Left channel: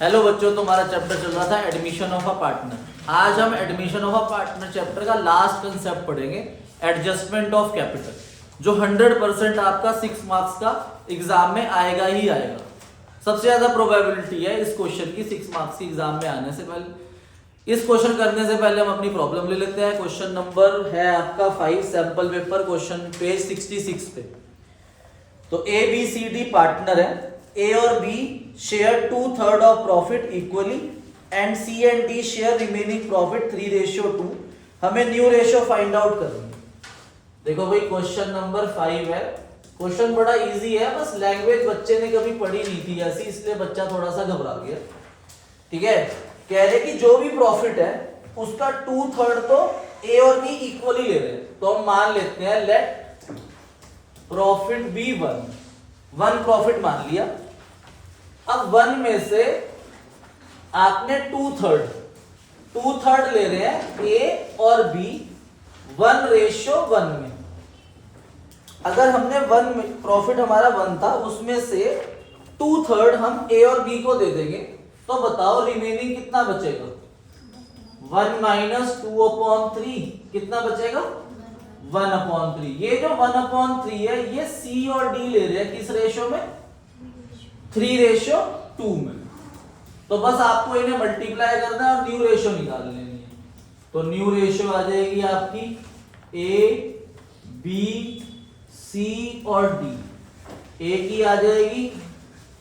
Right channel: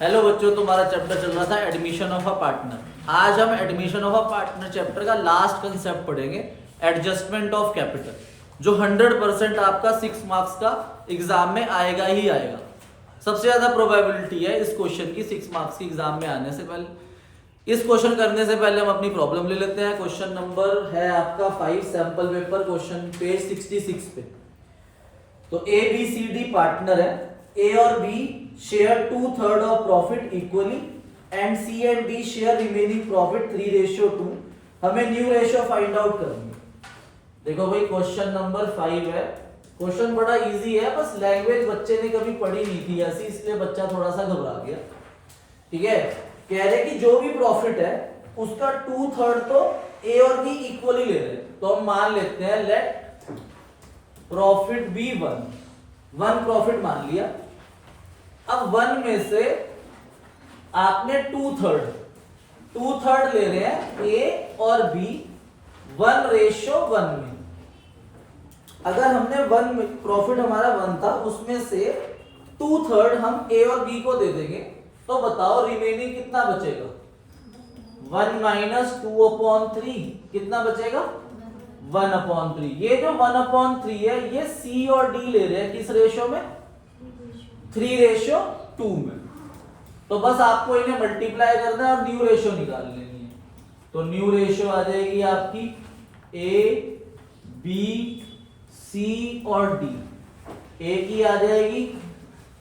Hello बच्चों, तुम्हारा chapter चल रहा था एडमिशन ऑफ अ पार्टनर। आज हम admission of a partner chapter का लास्ट कंसेप्ट पढ़ेंगे, एडजस्टमेंट ऑफ कैपिटल, जो 100% आपका 6 मार्क्स का एग्जाम में आएगा ही आएगा। सबसे ज्यादा प्रोबेबिलिटी है इस क्वेश्चन की 6 मार्क्स की एग्जाम में आने से पहले। इस क्वेश्चन करने से पहले हम अपनी प्रॉब्लम ले लेते हैं। क्वेश्चन नंबर है आपका 5 सैंपल पेपर, क्वेश्चन पेज 66 पे। तो A B C D partner है। ए और B share 2/3 of profit equally and C and D share remaining profit 3:2। हमें न्यू रेशियो फाइंड आउट करनी है। देखो भाई, क्वेश्चन नंबर 5 है। क्वेश्चन बड़ा इजी है, बस लैंग्वेज बच्चे ने कभी पढ़ी नहीं थी ऐसी, इसलिए बच्चा थोड़ा सा घबरा गया। ठीक है, कह रहे कि जो भी प्रॉफिट है उसका 2/3 तो ए और बी इक्वली ले रहे हैं। तो हम मान लेते हैं लेट प्रॉफिट बी 1 प्रॉफिट मान लिया। अब 1 में से आपने 2/3 ले रहे हैं ए और बी 1:1 में। अगर हमने 1 में प्रॉफिट हमारा 1 था, उसमें से 2/3 हम ए और बी को दे देंगे, तो बताओ रिमेनिंग कितना बचेगा? 1 - 2/3 कितना बचेगा? 1/3। ये जो 1/3 है ये सी और डी ले रहे हैं किस रेशो में? 3:2 में। तो बस आपको इन्हें मल्टीप्लाई करना है और न्यू रेशो निकाल लेनी है। तो न्यू रेशो आ जाएगी आपकी ए बी सी और डी। ए की आ जाएगी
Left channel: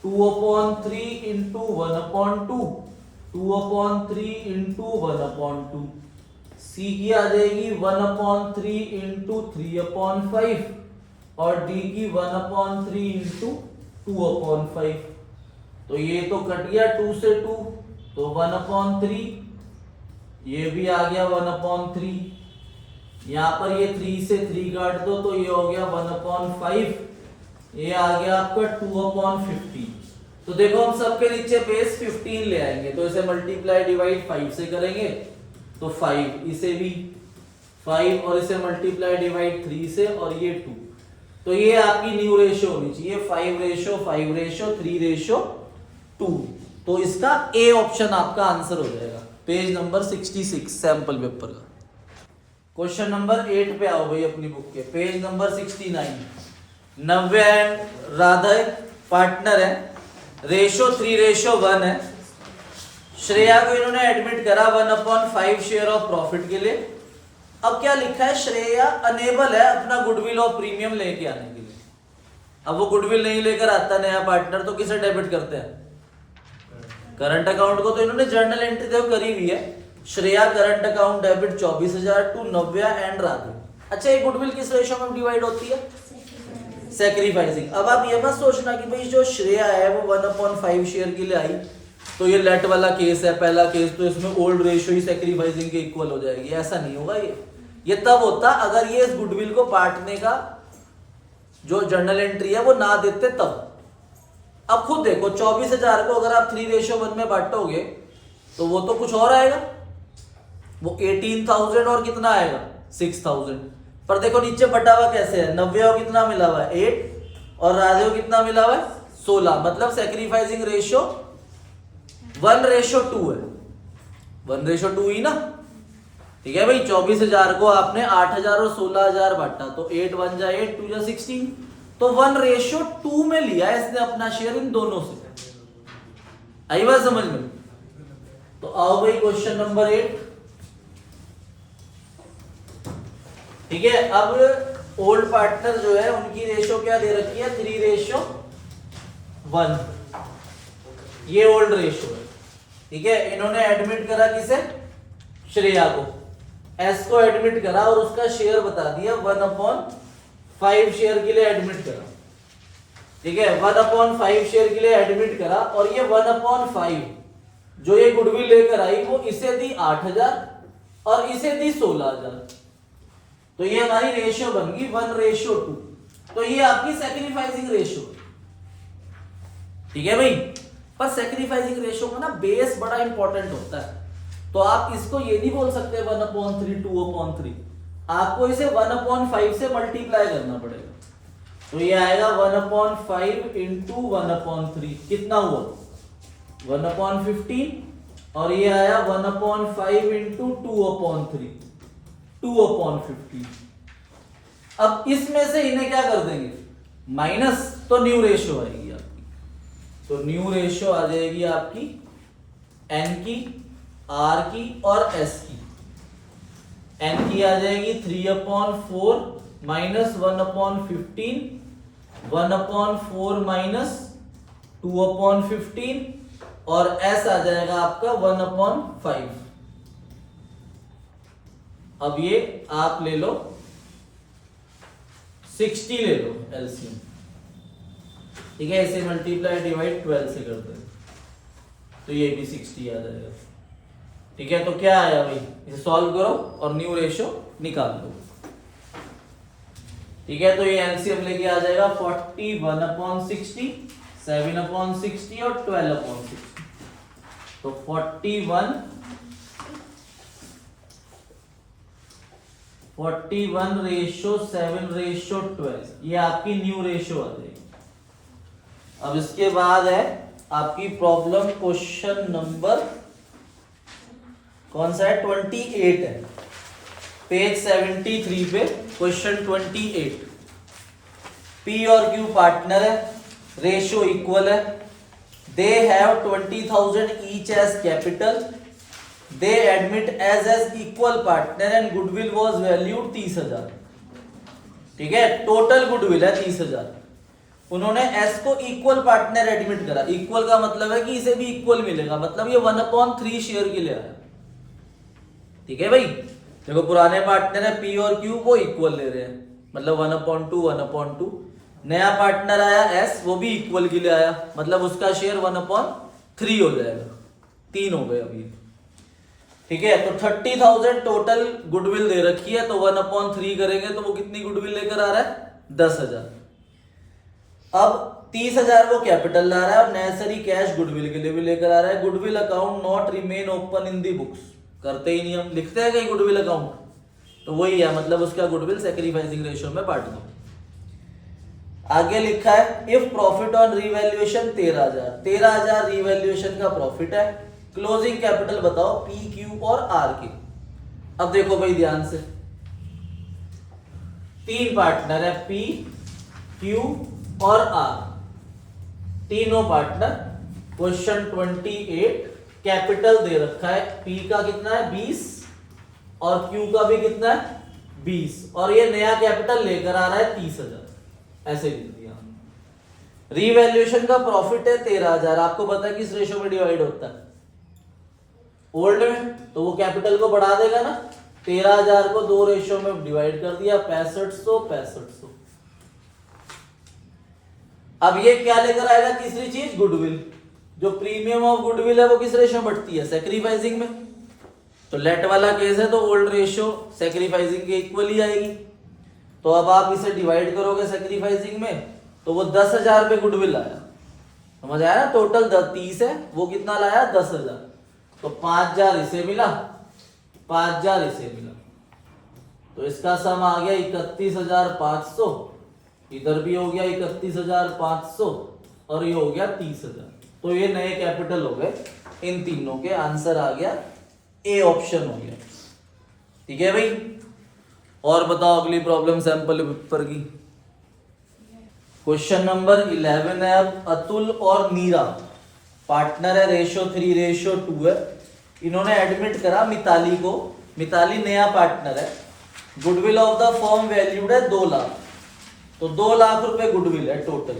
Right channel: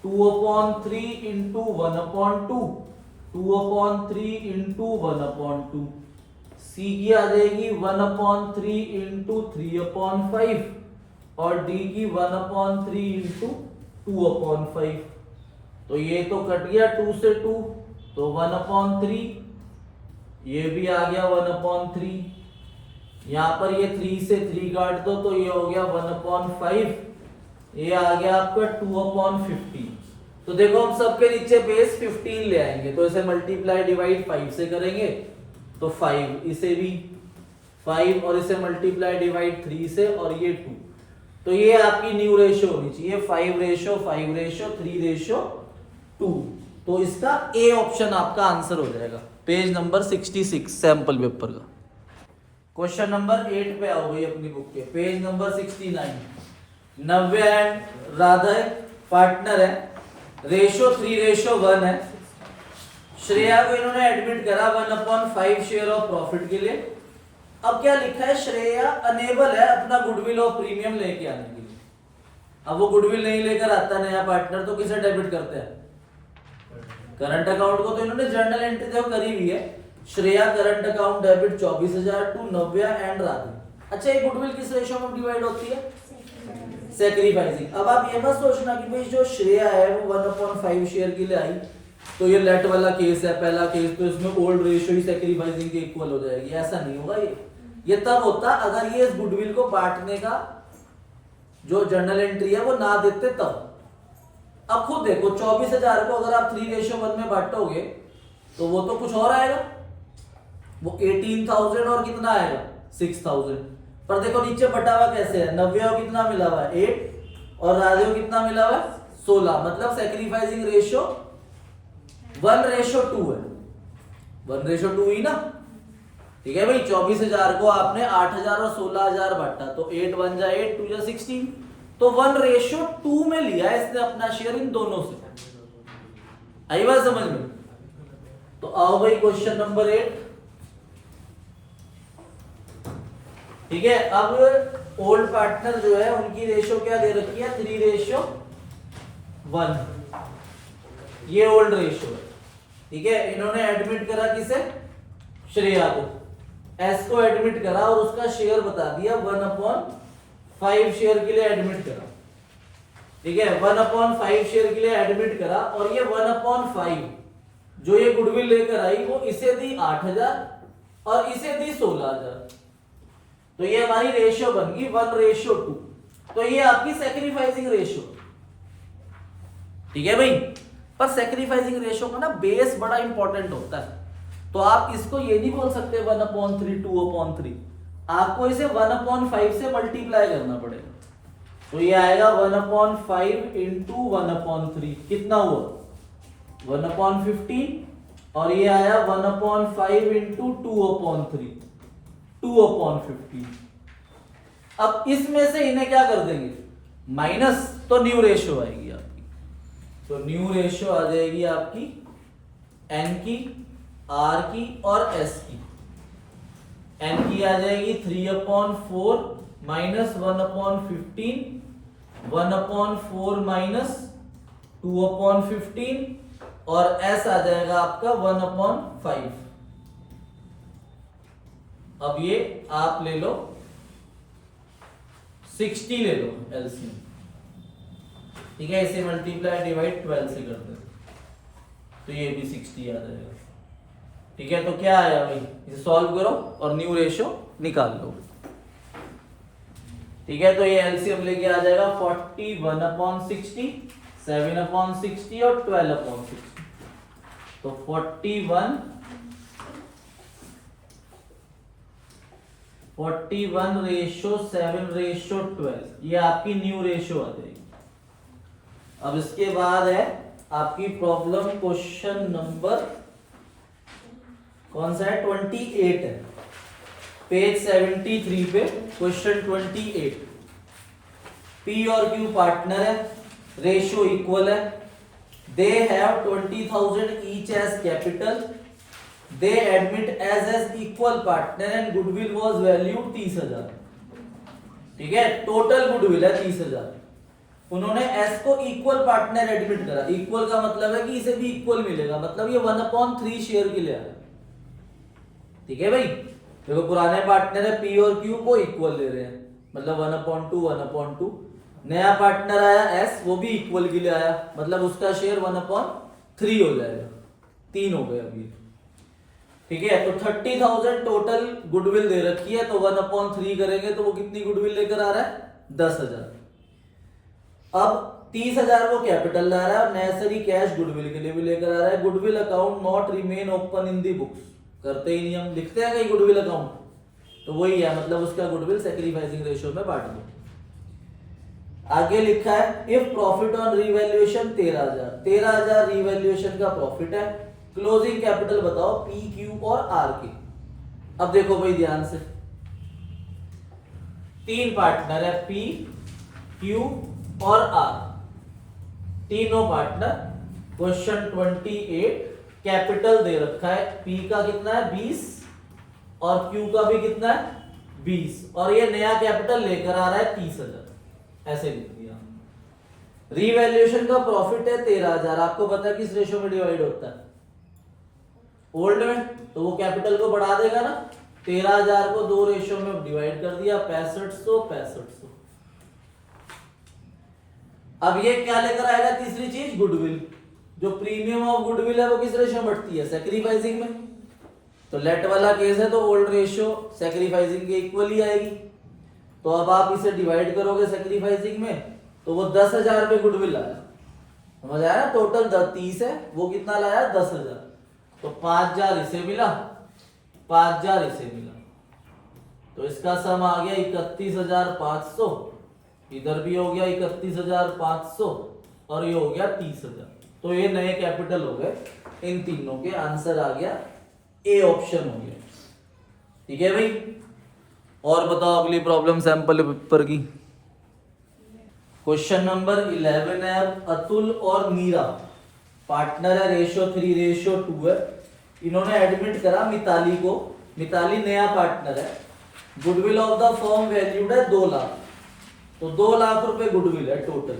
2/3 इंटू 1/2, 2/3 इंटू 1/2। सी की आ जाएगी 1/3 इंटू 3/5 और डी की 1/3 इंटू 2/5। तो ये तो कट गया 2 से 2, तो 1/3। ये भी आ गया 1/3। यहां पर ये 3 से 3 काट दो तो ये हो गया 1/5। ये आ गया आपका 2/15। तो देखो हम सबके नीचे बेस 15 ले आएंगे, तो इसे मल्टीप्लाई डिवाइड 5 से करेंगे तो 5, इसे भी 5 और इसे मल्टीप्लाई डिवाइड 3 से और ये 2। तो ये आपकी न्यू रेशियो होनी चाहिए 5:5:3:2। तो इसका ए ऑप्शन आपका आंसर हो जाएगा। पेज नंबर 66 सैंपल पेपर का। क्वेश्चन नंबर 8 पे आओ भाई अपनी बुक के, page number 69। Navya and Radha partner है, रेशो 3:1 है। श्रेया को इन्होंने एडमिट करा 1/5 शेयर ऑफ प्रॉफिट के लिए। अब क्या लिखा है? श्रेया अनेबल है अपना गुडविल ऑफ प्रीमियम लेके आने के लिए। अब वो गुडविल नहीं लेकर आता नया पार्टनर, तो किसे डेबिट करते हैं? करंट अकाउंट को। तो इन्होंने जर्नल एंट्री तो करी हुई है, Shreya current account debit 24,000 to Navya and Radhe. अच्छा, ये गुडविल किस रेशियो में डिवाइड होती है? सैक्रिफाइसिंग। अब आप ये मत सोचना कि भाई जो श्रेया है वो 1/5 शेयर के लिए आई, तो ये लेट वाला केस है पहला केस, तो इसमें ओल्ड रेशियो ही सैक्रिफाइसिंग के इक्वल हो जाएगी। ऐसा नहीं होगा। ये तब होता अगर ये इस गुडविल को बांटने का जो जर्नल एंट्री है वो ना देते तब। अब खुद देखो 24,000 को अगर आप 3:1 में बांटोगे तो वो तो कुछ और आएगा, वो 18,000 और कितना आएगा 6,000। पर देखो नीचे बटा हुआ कैसे है, 90 को कितना मिला हुआ है 8 और राधे को कितना मिला हुआ है 16। मतलब सैक्रिफाइसिंग रेशियो 1:2 है। 1:2 ही ना। ठीक है भाई, 24,000 को आपने 8,000 और 16,000 बांटा, तो 8 × 1 = 8, 2 × 16। तो 1:2 में लिया है इसने अपना शेयर इन दोनों से। आई बात समझ में? तो आओ भाई क्वेश्चन नंबर 8। ठीक है, अब ओल्ड पार्टनर जो है उनकी रेशियो क्या दे रखी है? 3:1। ये ओल्ड रेशियो है। ठीक है, इन्होंने एडमिट करा किसे? श्रेया को। एस को एडमिट करा और उसका शेयर बता दिया 1/5 शेयर के लिए एडमिट करा। ठीक है, 1/5 शेयर के लिए एडमिट करा और ये 1/5 जो ये गुडविल लेकर आई वो इसे दी 8,000 और इसे दी 16,000। तो ये हमारी रेशियो बन गई 1:2। तो ये आपकी सैक्रिफाइसिंग रेशियो। ठीक है भाई, पर सैक्रिफाइसिंग रेशियो का ना बेस बड़ा इंपॉर्टेंट होता है। तो आप इसको ये नहीं बोल सकते 1/3 2/3, आपको इसे 1/5 से मल्टीप्लाई करना पड़ेगा। तो ये आएगा 1/5 इंटू 1/3 कितना हुआ 1/15 और ये आया 1/5 इंटू 2/3, 2/15। अब इसमें से इन्हें क्या कर देंगे, माइनस, तो न्यू रेशियो आएगी आपकी। तो न्यू रेशियो आ जाएगी आपकी एन की, आर की और एस की। एन की आ जाएगी 3/4 माइनस 1/15, 1/4 माइनस 2/15 और एस आ जाएगा आपका 1/5। अब ये आप ले लो 60 ले लो एलसीएम, ठीक है। इसे मल्टीप्लाई डिवाइड 12 से कर दो तो ये भी 60 आ जाएगा, ठीक है। तो क्या आया भाई, इसे सॉल्व करो और न्यू रेशियो निकाल लो, ठीक है। तो ये एलसीएम लेके आ जाएगा 41/60, 7/60 और 12/60। तो 41 रेशियो 7 रेशियो 12, ये आपकी न्यू रेशियो आ जाएगी। अब इसके बाद है आपकी प्रॉब्लम क्वेश्चन नंबर कौन सा है, 28 है, पेज 73 पे क्वेश्चन 28। पी और क्यू पार्टनर है, रेशियो इक्वल है, they have 20,000 each as capital, they admit as equal partner and goodwill was valued 30,000, ठीक है। टोटल गुडविल है 30,000। उन्होंने एस को इक्वल पार्टनर एडमिट करा। इक्वल का मतलब है कि इसे भी इक्वल मिलेगा, मतलब ये 1/3 शेयर के लिए आया, ठीक है भाई। देखो पुराने पार्टनर है पी और क्यू को इक्वल ले रहे हैं, मतलब 1/2 1/2। नया पार्टनर आया एस, वो भी इक्वल के लिए आया, मतलब उसका शेयर 1/3 हो जाएगा, 3 हो गए अभी, ठीक है। तो 30,000 टोटल गुडविल दे रखी है, तो 1/3 करेंगे तो वो कितनी गुडविल लेकर आ रहा है, 10,000। अब 30,000 वो कैपिटल ला रहा है और नेसेसरी कैश गुडविल के लिए भी लेकर आ रहा है। Goodwill account not remain open in the books, करते ही नहीं हम, लिखते हैं कहीं गुडविल अकाउंट, तो वही है, मतलब उसका गुडविल सैक्रिफाइसिंग रेशियो में बांट दो। आगे लिखा है if profit on revaluation 13,000 revaluation का प्रॉफिट है, क्लोजिंग कैपिटल बताओ पी क्यू और आर के। अब देखो भाई ध्यान से, 3 पार्टनर है पी क्यू और आर, तीनों पार्टनर। क्वेश्चन 28 कैपिटल दे रखा है, पी का कितना है 20 और क्यू का भी कितना है 20, और ये नया कैपिटल लेकर आ रहा है 30,000, ऐसे लिख दिया। रीवैल्यूएशन का प्रॉफिट है 13,000, आपको पता है किस रेशियो में डिवाइड होता है, ओल्ड में, तो वो कैपिटल को बढ़ा देगा ना। 13,000 को 2 रेशियो में डिवाइड कर दिया, 6500। अब ये क्या लेकर आएगा, तीसरी चीज गुडविल। जो प्रीमियम ऑफ गुडविल है वो किस रेशियो में बढ़ती है, सैक्रिफाइसिंग में। तो लेट वाला केस है तो ओल्ड रेशियो सैक्रिफाइसिंग के इक्वल ही आएगी। तो अब आप इसे डिवाइड करोगे सैक्रिफाइसिंग में, तो वो 10,000 पे गुडविल आया, समझ आया ना। टोटल 30 है, वो कितना लाया 10,000, तो 5,000 इसे मिला, 5,000 इसे मिला, तो इसका सम आ गया 31,500, इधर भी हो गया 31,500 और ये हो गया 30,000। तो ये नए कैपिटल हो गए इन तीनों के, आंसर आ गया ए ऑप्शन हो गया, ठीक है भाई। और बताओ अगली प्रॉब्लम सैंपल पेपर की। क्वेश्चन नंबर 11 है, अतुल और नीरा पार्टनर है, रेशियो 3:2 है। इन्होंने एडमिट करा मिताली को, मिताली नया पार्टनर है, goodwill of the firm valued है 2 लाख, तो 2 लाख रुपए गुडविल है टोटल।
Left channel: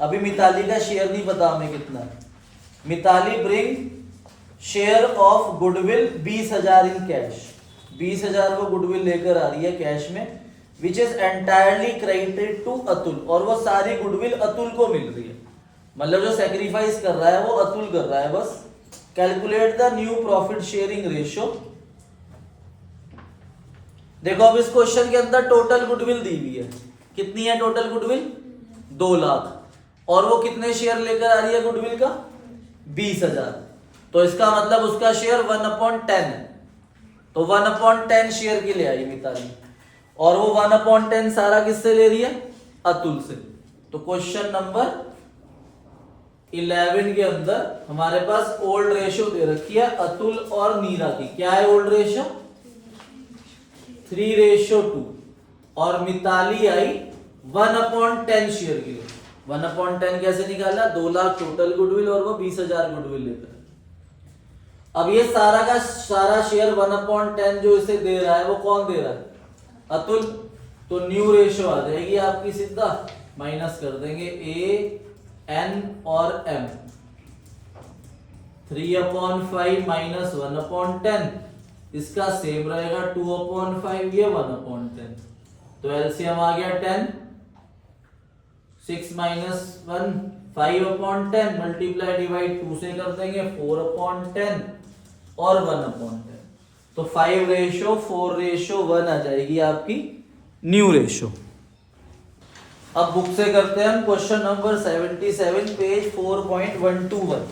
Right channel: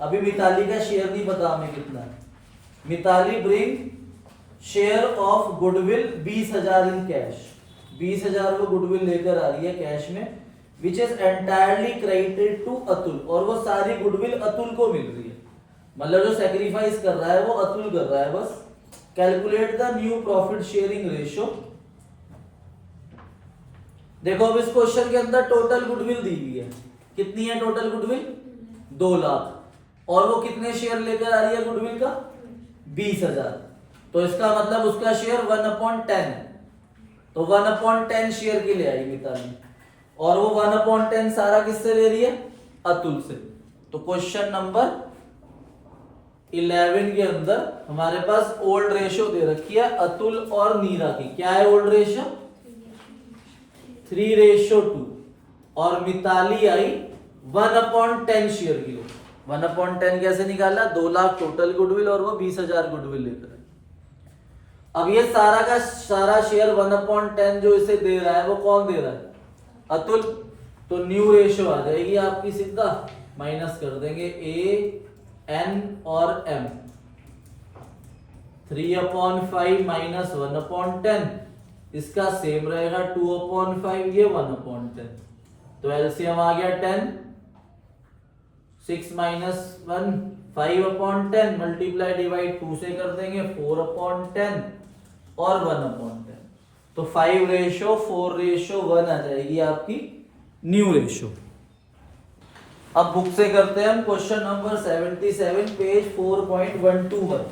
अभी मिताली का शेयर नहीं पता हमें कितना है। Mitali bring share of goodwill 20,000 in cash, 20,000 वो गुडविल लेकर आ रही है कैश में, which is entirely credited to Atul, और वो सारी गुडविल अतुल को मिल रही है, मतलब जो सैक्रिफाइस कर रहा है वो अतुल कर रहा है बस। Calculate the new profit sharing ratio. देखो अब इस क्वेश्चन के अंदर टोटल गुडविल दी हुई है, कितनी है टोटल गुडविल 2 लाख, और वो कितने शेयर लेकर आ रही है गुडविल का 20,000, तो इसका मतलब उसका शेयर 1/10 है, तो 1/10 शेयर के लिए आई मिताली, और वो 1/10 सारा किससे ले रही है अतुल से। तो क्वेश्चन नंबर 11 के अंदर हमारे पास ओल्ड रेशियो दे रखी है अतुल और नीरा की। क्या है ओल्ड रेशियो? 3:2। और मिताली आई 1/10 शेयर के लिए। 1/10 कैसे निकाला? 2 लाख टोटल गुडविल और वो 20,000 गुडविल लेकर। अब ये सारा का सारा शेयर 1/10 जो इसे दे रहा है वो कौन दे रहा है? अतुल। तो न्यू रेशियो आ जाएगी आपकी सीधा, माइनस कर देंगे ए एन और एम। 3/5 माइनस 1/10, इसका सेम रहेगा 2/5, ये 1/10। तो एलसीएम आ गया 10। 6 माइनस 1 5/10 मल्टीप्लाई डिवाइड 2 से कर देंगे 4/10 और 1/10। तो 5:4:1 आ जाएगी आपकी न्यू रेशियो। अब बुक से करते हैं हम क्वेश्चन नंबर 77 पेज 4.121।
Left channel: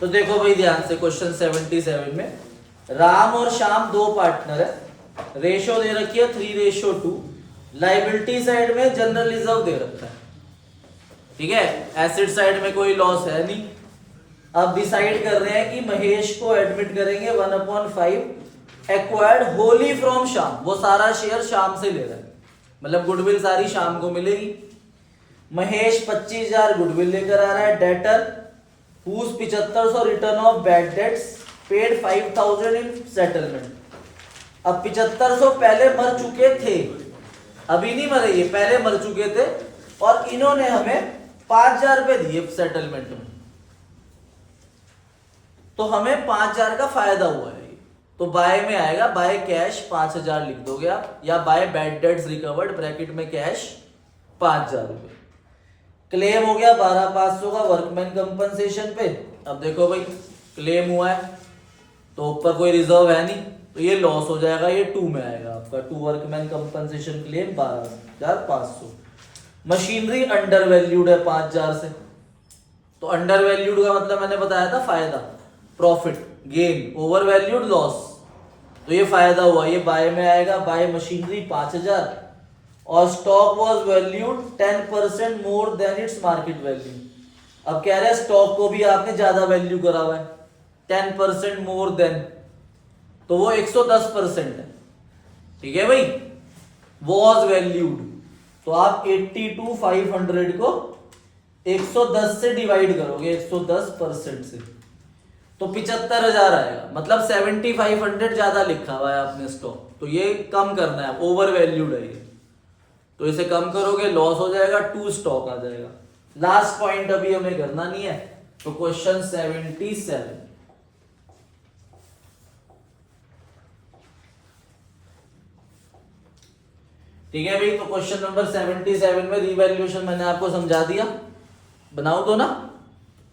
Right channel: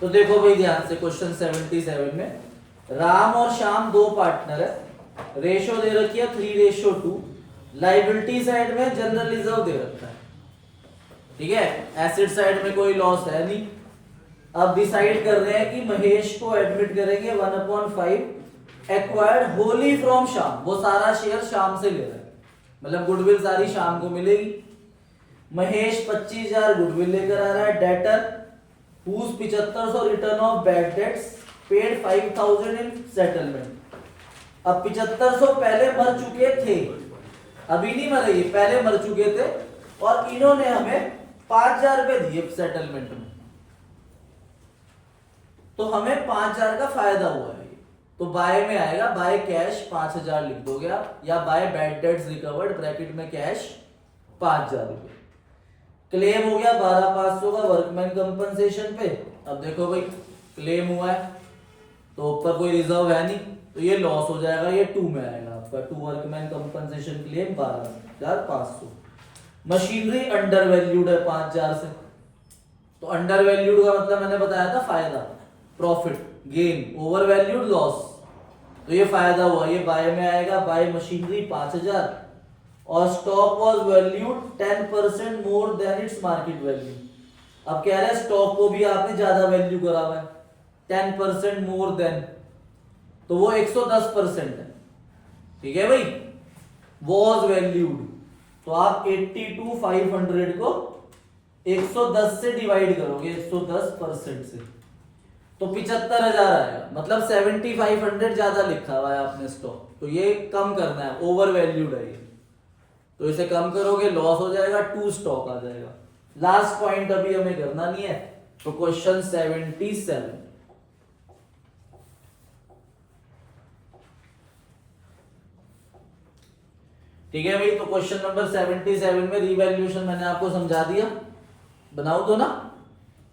तो देखो भाई ध्यान से, क्वेश्चन 77 में राम और श्याम दो पार्टनर है, रेशियो दे रखी है 3:2। लाइबिलिटी साइड में जनरल रिजर्व दे रखा है, ठीक है, एसेट साइड में कोई लॉस है नहीं। अब डिसाइड कर रहे हैं कि महेश को एडमिट करेंगे 1/5 एक्वायर्ड होली फ्रॉम श्याम। वो सारा शेयर श्याम से ले रहा है, मतलब गुडविल सारी शाम को मिलेगी। महेश 25,000 गुडविल लेकर आ रहा है। Debtor whose 7500 return of bad debts paid 5,000 in settlement. अब 7500 पहले मर चुके थे, अभी नहीं मरे, ये पहले मर चुके थे और इन्होंने हमें 5,000 रुपए दिए सेटलमेंट में, तो हमें 5,000 का फायदा हुआ है। तो बाय में आएगा, बाय कैश 5,000 लिख दोगे आप, या by bad debts recovered bracket में कैश 5,000 रुपए। क्लेम हो गया 12,500 का वर्कमैन कंपनसेशन पे। अब देखो भाई क्लेम हुआ है तो ऊपर कोई रिजर्व है नहीं, तो ये लॉस हो जाएगा, ये 2 में आएगा आपका। 2 workman compensation claim 12,500। Machinery under valued है 5,000 से, तो अंडर वैल्यूड का मतलब मैंने बताया था फायदा, profit gain, over valued loss, तो ये फायदा हुआ, ये बाय में आएगा। बाय मशीनरी 5,000 और stock was valued 10% more than its market value. अब कह रहे हैं स्टॉक को भी आपने ज्यादा वैल्यू करा हुआ है, 10% मोर देन, तो वो 110% है, ठीक है भाई। वाज वैल्यूड, तो आप 82,500 को 110 से डिवाइड करोगे, 110% से, तो 75,000 आएगा। मतलब 7,500 ज्यादा लिखा हुआ है आपने स्टॉक, तो ये कम करना है, ओवर वैल्यूड है ये, तो इसे कम करोगे लॉस हो जाएगा, 2 स्टॉक आ जाएगा। लास्ट पॉइंट अभी हमें करना नहीं है, तो क्वेश्चन 77। ठीक है भाई, तो क्वेश्चन नंबर 77 में रिवैल्यूएशन मैंने आपको समझा दिया। बनाओ तो ना,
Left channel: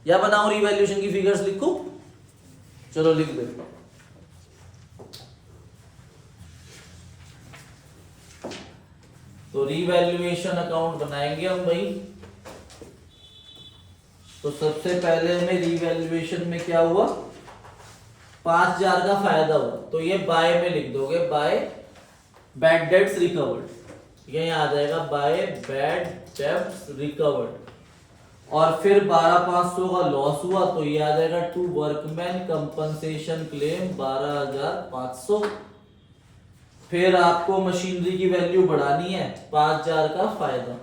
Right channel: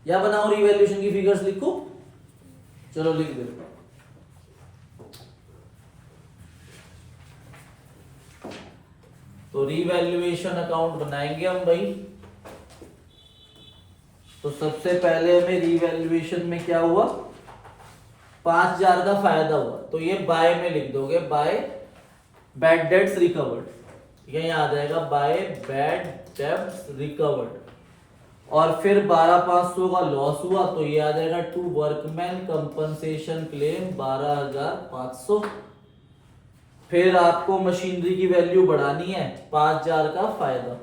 या बनाओ रिवैल्यूएशन की फिगर्स लिखो, चलो लिख दे। तो रिवैल्यूएशन अकाउंट बनाएंगे हम भाई। तो सबसे पहले हमें रिवैल्यूएशन में क्या हुआ, 5,000 का फायदा हुआ, तो ये बाय में लिख दोगे, बाय बैड डेट्स रिकवर्ड, ये आ जाएगा बाय बैड डेट्स रिकवर्ड। और फिर 12,500 का लॉस हुआ, तो ये आ जाएगा टू वर्कमैन कंपनसेशन क्लेम 12,500। फिर आपको मशीनरी की वैल्यू बढ़ानी है, 5,000 का फायदा,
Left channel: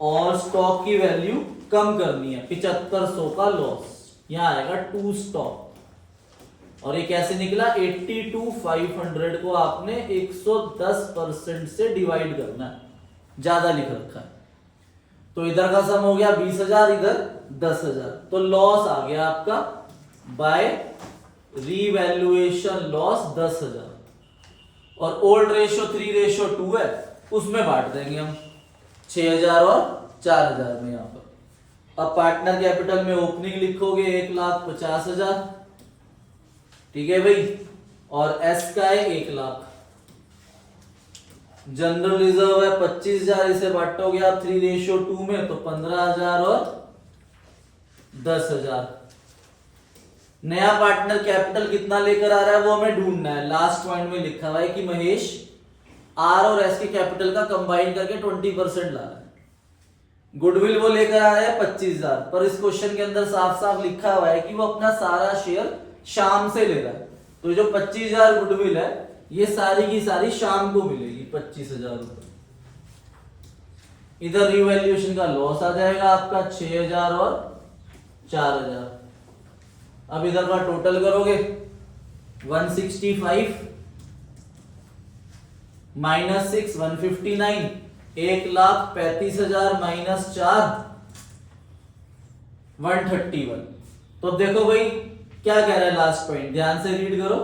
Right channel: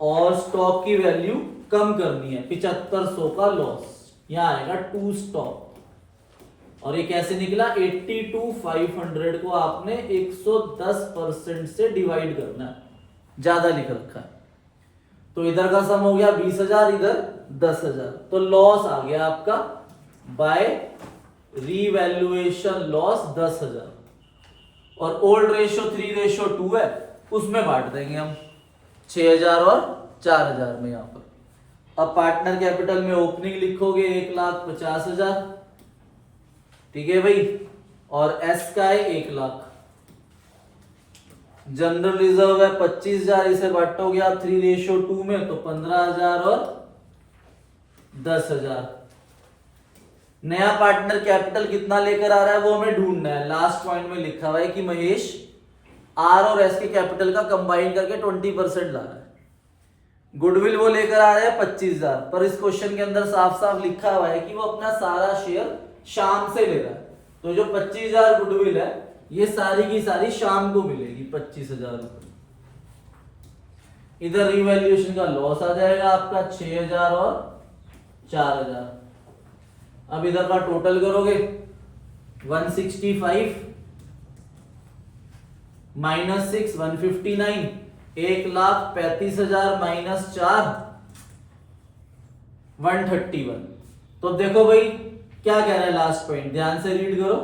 और स्टॉक की वैल्यू कम करनी है, 7,500 का लॉस, यहां आएगा 2 स्टॉक। और ये कैसे निकला, 82,500 को आपने 110% से डिवाइड करना है, ज्यादा लिख रखा है। तो इधर का सम हो गया 20,000, इधर 10,000, तो लॉस आ गया आपका बाय रीवैल्यूएशन लॉस 10,000। और ओल्ड रेशियो 3:2 है, उसमें बांट देंगे हम 6,000 और 4,000 में। यहां पर अब पार्टनर कैपिटल में ओपनिंग लिखोगे 1,50,000, ठीक है भाई, और एस का है 1,00,000। जनरल रिजर्व है 25,000, इसे बांटोगे आप 3:2 में, तो 15,000 और 10,000। नया पार्टनर कैपिटल कितना लेकर आ रहा है वो हमें ढूंढना है। लास्ट पॉइंट में लिखा हुआ है कि महेश आर और एस के कैपिटल का कंबाइन करके 20% ला रहा है। गुडविल वो लेकर आ रहे हैं 25,000, पर इस क्वेश्चन के अंदर साफ साफ लिखा हुआ है कि वो अपना सारा शेयर शाम से ले रहा है। तो जो 25,000 गुडविल है ये सारी की सारी शाम को मिलेगी 25,000 रुपए। इधर रिवैल्यूएशन का लॉस आ जाएगा आपका 6,000 और 4,000। अब इधर का टोटल करोगे 165 माइनस 6 159, 1,35,000 माइनस 4 131। तो देखो भाई क्या कह रहे हैं लास्ट पॉइंट, ध्यान से रीड करो।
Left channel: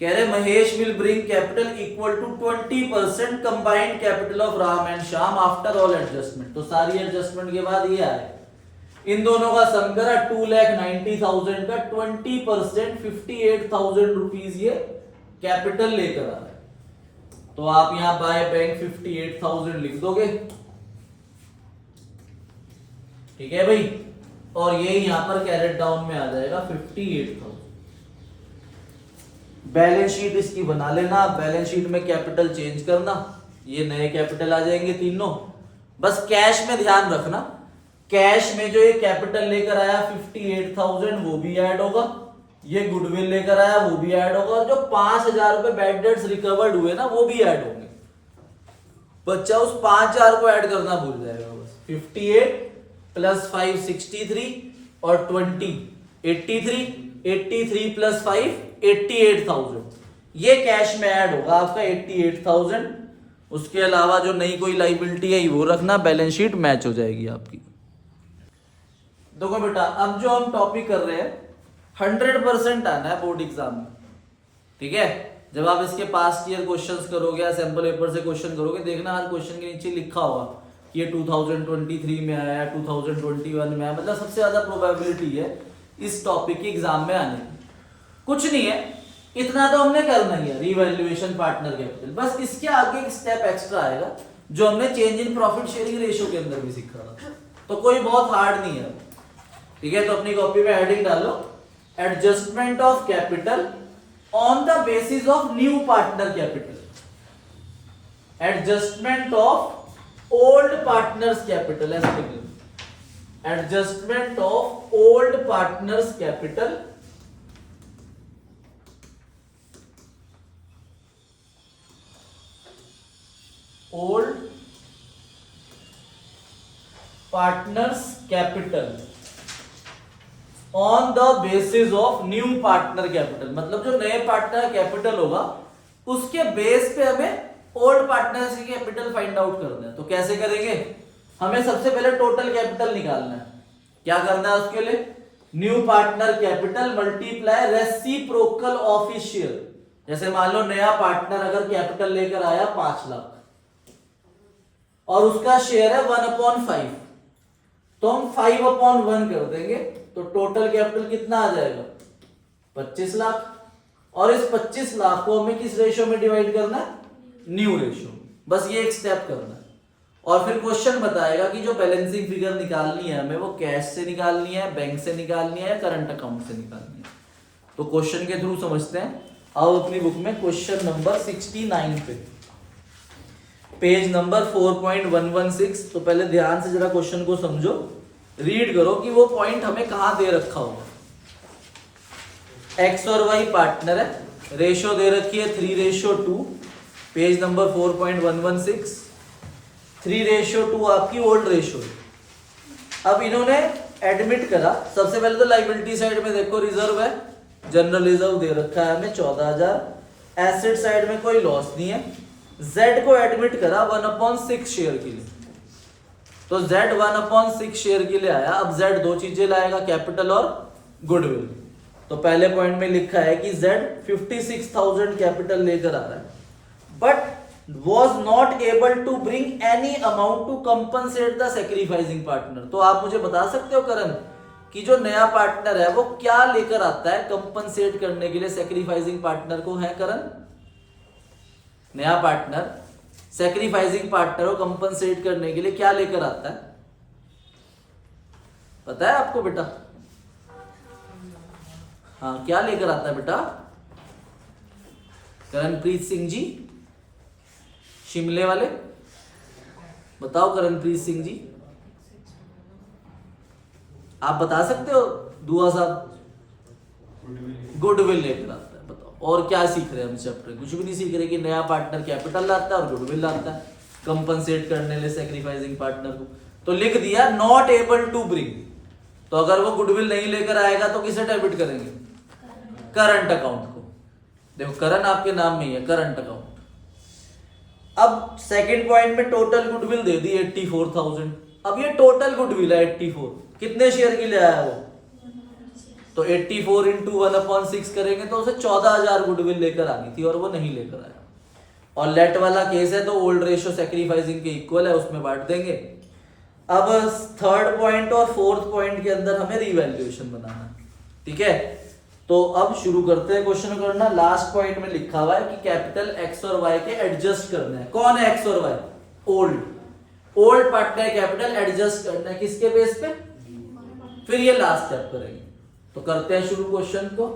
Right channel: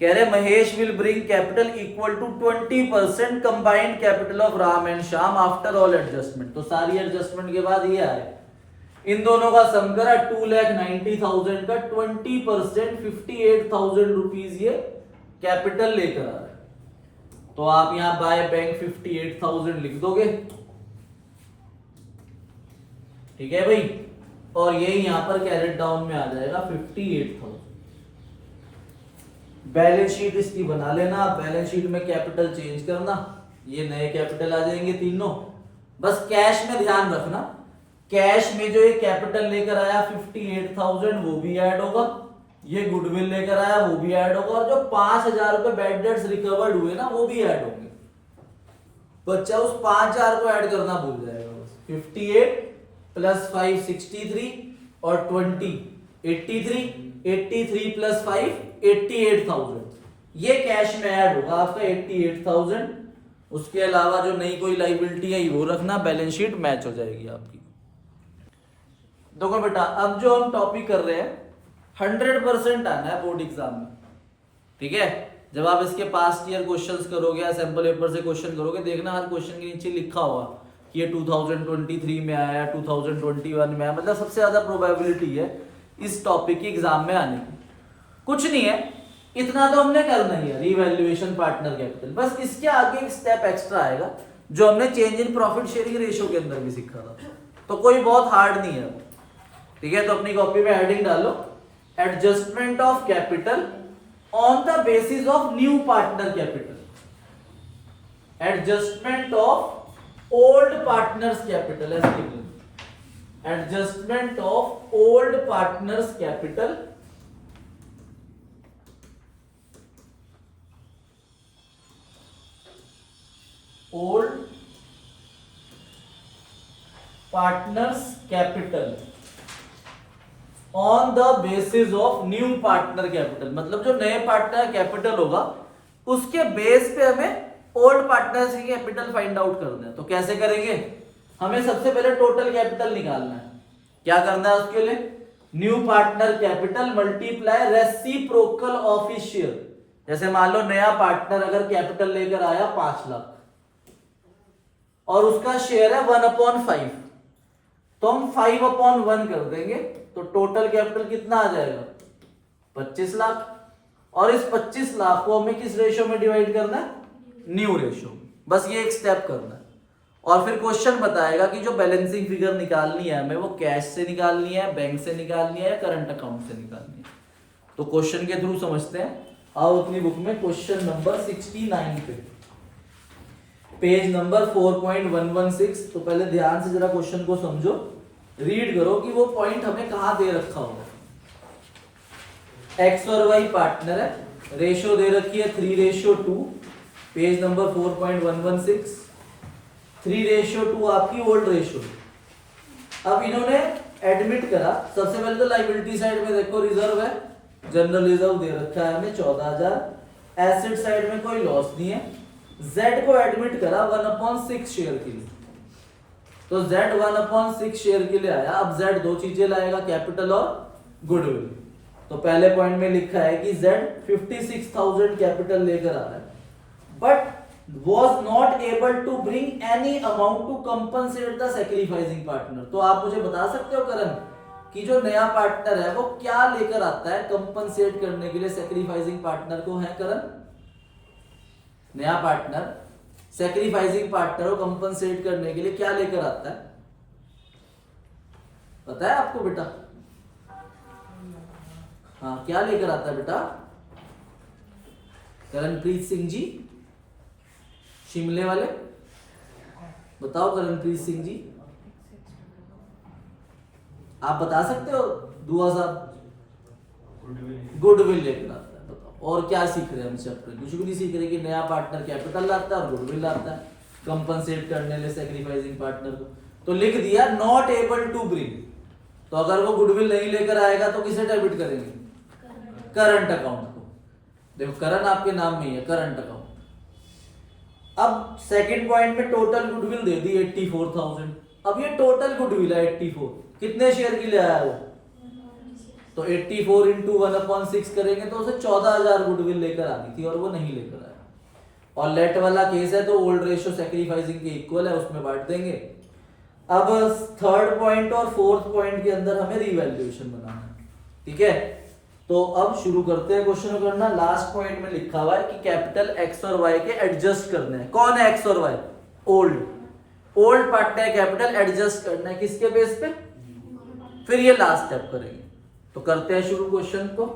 कह रहे Mahesh will bring capital equal to 20% combined capital of Ram and Shyam after all adjustment. तो सारी एडजस्टमेंट के बाद ये आए, इन दोनों का सम करा 2,90,000 का 20% 58,000 रुपीज ये कैपिटल लेकर आ रहा है। तो आप यहां बाय बैंक 58,000 लिख दोगे, ठीक है भाई, और ये यहां पर कैरेट डाउन में आ जाएगा 58,000। बैलेंस शीट इसकी बना लेना, बैलेंस शीट में कैपिटल चेंज करना, ये नए कैपिटल आ जाएंगे तीनों। बस कैश में ध्यान रखना, कैश में जो ये कैपिटल लेकर आया 58,000 वो भी ऐड होगा, ये गुडविल लेकर आया वो भी ऐड होगा, और जो 5,000 रुपए बैड डेट्स रिकवर्ड हुए ना वो भी ऐड होंगे। बच्चा उस 5,000 को ऐड करना भूल जाएगा बस। 58 प्लस 5 63 और 20 83, 83 प्लस 5 88,000, ये कैश में ऐड होगा आपका 88,000। उसके अलावा जो नई कोई लाइबिलिटी है वो रखना, बैलेंस शीट मैच हो जाएगी आपकी। देखो बेटा अब जो हम टॉपिक कर रहे हैं 100% आना है बोर्ड एग्जाम में, ठीक है। जब आप इसके पास्ट ईयर क्वेश्चंस करोगे या सैंपल पेपर से क्वेश्चन करोगे, देखना हर क्वेश्चन के नीचे लिखा होगा कि ये 2023 में आया, 2021 में आया, मतलब सबसे ज्यादा प्रोबेबिलिटी है इस टॉपिक के एग्जाम में आने की। कुछ नहीं है, इतना तो हमने करना ही है, रिवैल्यूएशन पार्टनर कैपिटल। बस इसके आगे एक स्टेप एक्स्ट्रा आएगा जो हमने change in profit sharing ratio के अंदर भी सीखा था, तो कोई बहुत हार्ड नहीं है, ठीक है। तो अपनी कॉपी में हेडिंग डालो, adjustment of capital on the basis of new partner capital, adjustment of old partners capital, ऐसा लिख लो, adjustment of old partners capital old partners capital on the basis of new partner capital. मतलब जो नए partner capital होगा उसके base पे हमें ओल्ड पार्टनर्स की कैपिटल फाइंड आउट करना है। तो कैसे करेंगे, हमें सबसे पहले टोटल कैपिटल निकालना है। क्या करना है उसके लिए, new partner capital multiply reciprocal of his share. जैसे मान लो नया पार्टनर अगर कैपिटल लेकर आया 5 लाख और उसका शेयर है 1/5, तो हम 5/1 कर देंगे, तो टोटल कैपिटल कितना आ जाएगा 25 लाख। और इस 25 लाख को हमें किस रेशियो में डिवाइड करना है, न्यू रेशियो। बस ये एक स्टेप करना है, और फिर क्वेश्चन बताएगा कि जो बैलेंसिंग फिगर निकालनी है हमें वो कैश से निकालनी है, बैंक से निकालनी है या करंट अकाउंट से निकालनी है। तो क्वेश्चन के थ्रू समझते हैं। आओ अपनी बुक में क्वेश्चन नंबर 69 पे, पेज नंबर 4.116। तो पहले ध्यान से जरा क्वेश्चन को समझो, रीड करो कि वो पॉइंट हमें कहां दे रखा होगा। एक्स और वाई पार्टनर है, रेशियो दे रखी है 3:2, पेज नंबर 4.116। 3:2 आपकी ओल्ड रेशियो। अब इन्होंने एडमिट करा, सबसे पहले तो लाइबिलिटी साइड में देखो रिजर्व है, जनरल रिजर्व दे रखा है हमें 14,000। एसेट साइड में कोई लॉस नहीं है। Z को एडमिट करा 1/6 शेयर के लिए, तो Z 1/6 शेयर के लिए आया। अब Z दो चीजें लाएगा, कैपिटल और गुडविल। तो पहले पॉइंट में लिखा है कि Z 56,000 कैपिटल लेकर आ रहा है, but was not able to bring any amount to compensate the sacrificing partner। तो आप मुझे बता सकते हो करण कि जो नया पार्टनर है वो क्या लेकर आता है कंपनसेट करने के लिए सैक्रिफाइसिंग पार्टनर को, है करण? नया पार्टनर सैक्रिफाइसिंग पार्टनर को कंपनसेट करने के लिए क्या लेकर आता है, पता है आपको बेटा? हाँ, क्या लेकर आता है बेटा? करणप्रीत सिंह जी शिमले वाले, बताओ करणप्रीत सिंह जी, आप बता सकते हो दुआ साहब? गुडविल लेकर आता है। बताओ और क्या सीख रहे हैं हम चैप्टर? कुछ भी नहीं सीख रहे कि नया पार्टनर कैपिटल लाता है और गुडविल लाता है कंपनसेट करने लिए सैक्रिफाइसिंग पार्टनर को। तो लिख दिया नॉट एबल टू ब्रिंग, तो अगर वो गुडविल नहीं लेकर आएगा तो किसे डेबिट करेंगे? करंट अकाउंट को। देखो करंट आपके नाम में ही है, करंट अकाउंट। अब सेकंड पॉइंट में टोटल गुडविल दे दी 84,000। अब ये टोटल गुडविल है 84, कितने शेयर की ले आया वो? तो 84 इंटू 1/6 करेंगे तो उसे 14,000 गुडविल लेकर आनी थी और वो नहीं लेकर आया। और लेट वाला केस है तो ओल्ड रेशियो सैक्रिफाइसिंग के इक्वल है, उसमें बांट देंगे। अब थर्ड पॉइंट और फोर्थ पॉइंट के अंदर हमें रिवैल्यूएशन बनाना है, ठीक है। तो अब शुरू करते हैं क्वेश्चन करना। लास्ट पॉइंट में लिखा हुआ है कि कैपिटल एक्स और वाई के एडजस्ट करने हैं। कौन है एक्स और Y? Old partner capital adjust करना है किसके बेस पे? फिर ये लास्ट स्टेप करेंगे। तो करते हैं शुरू क्वेश्चन को।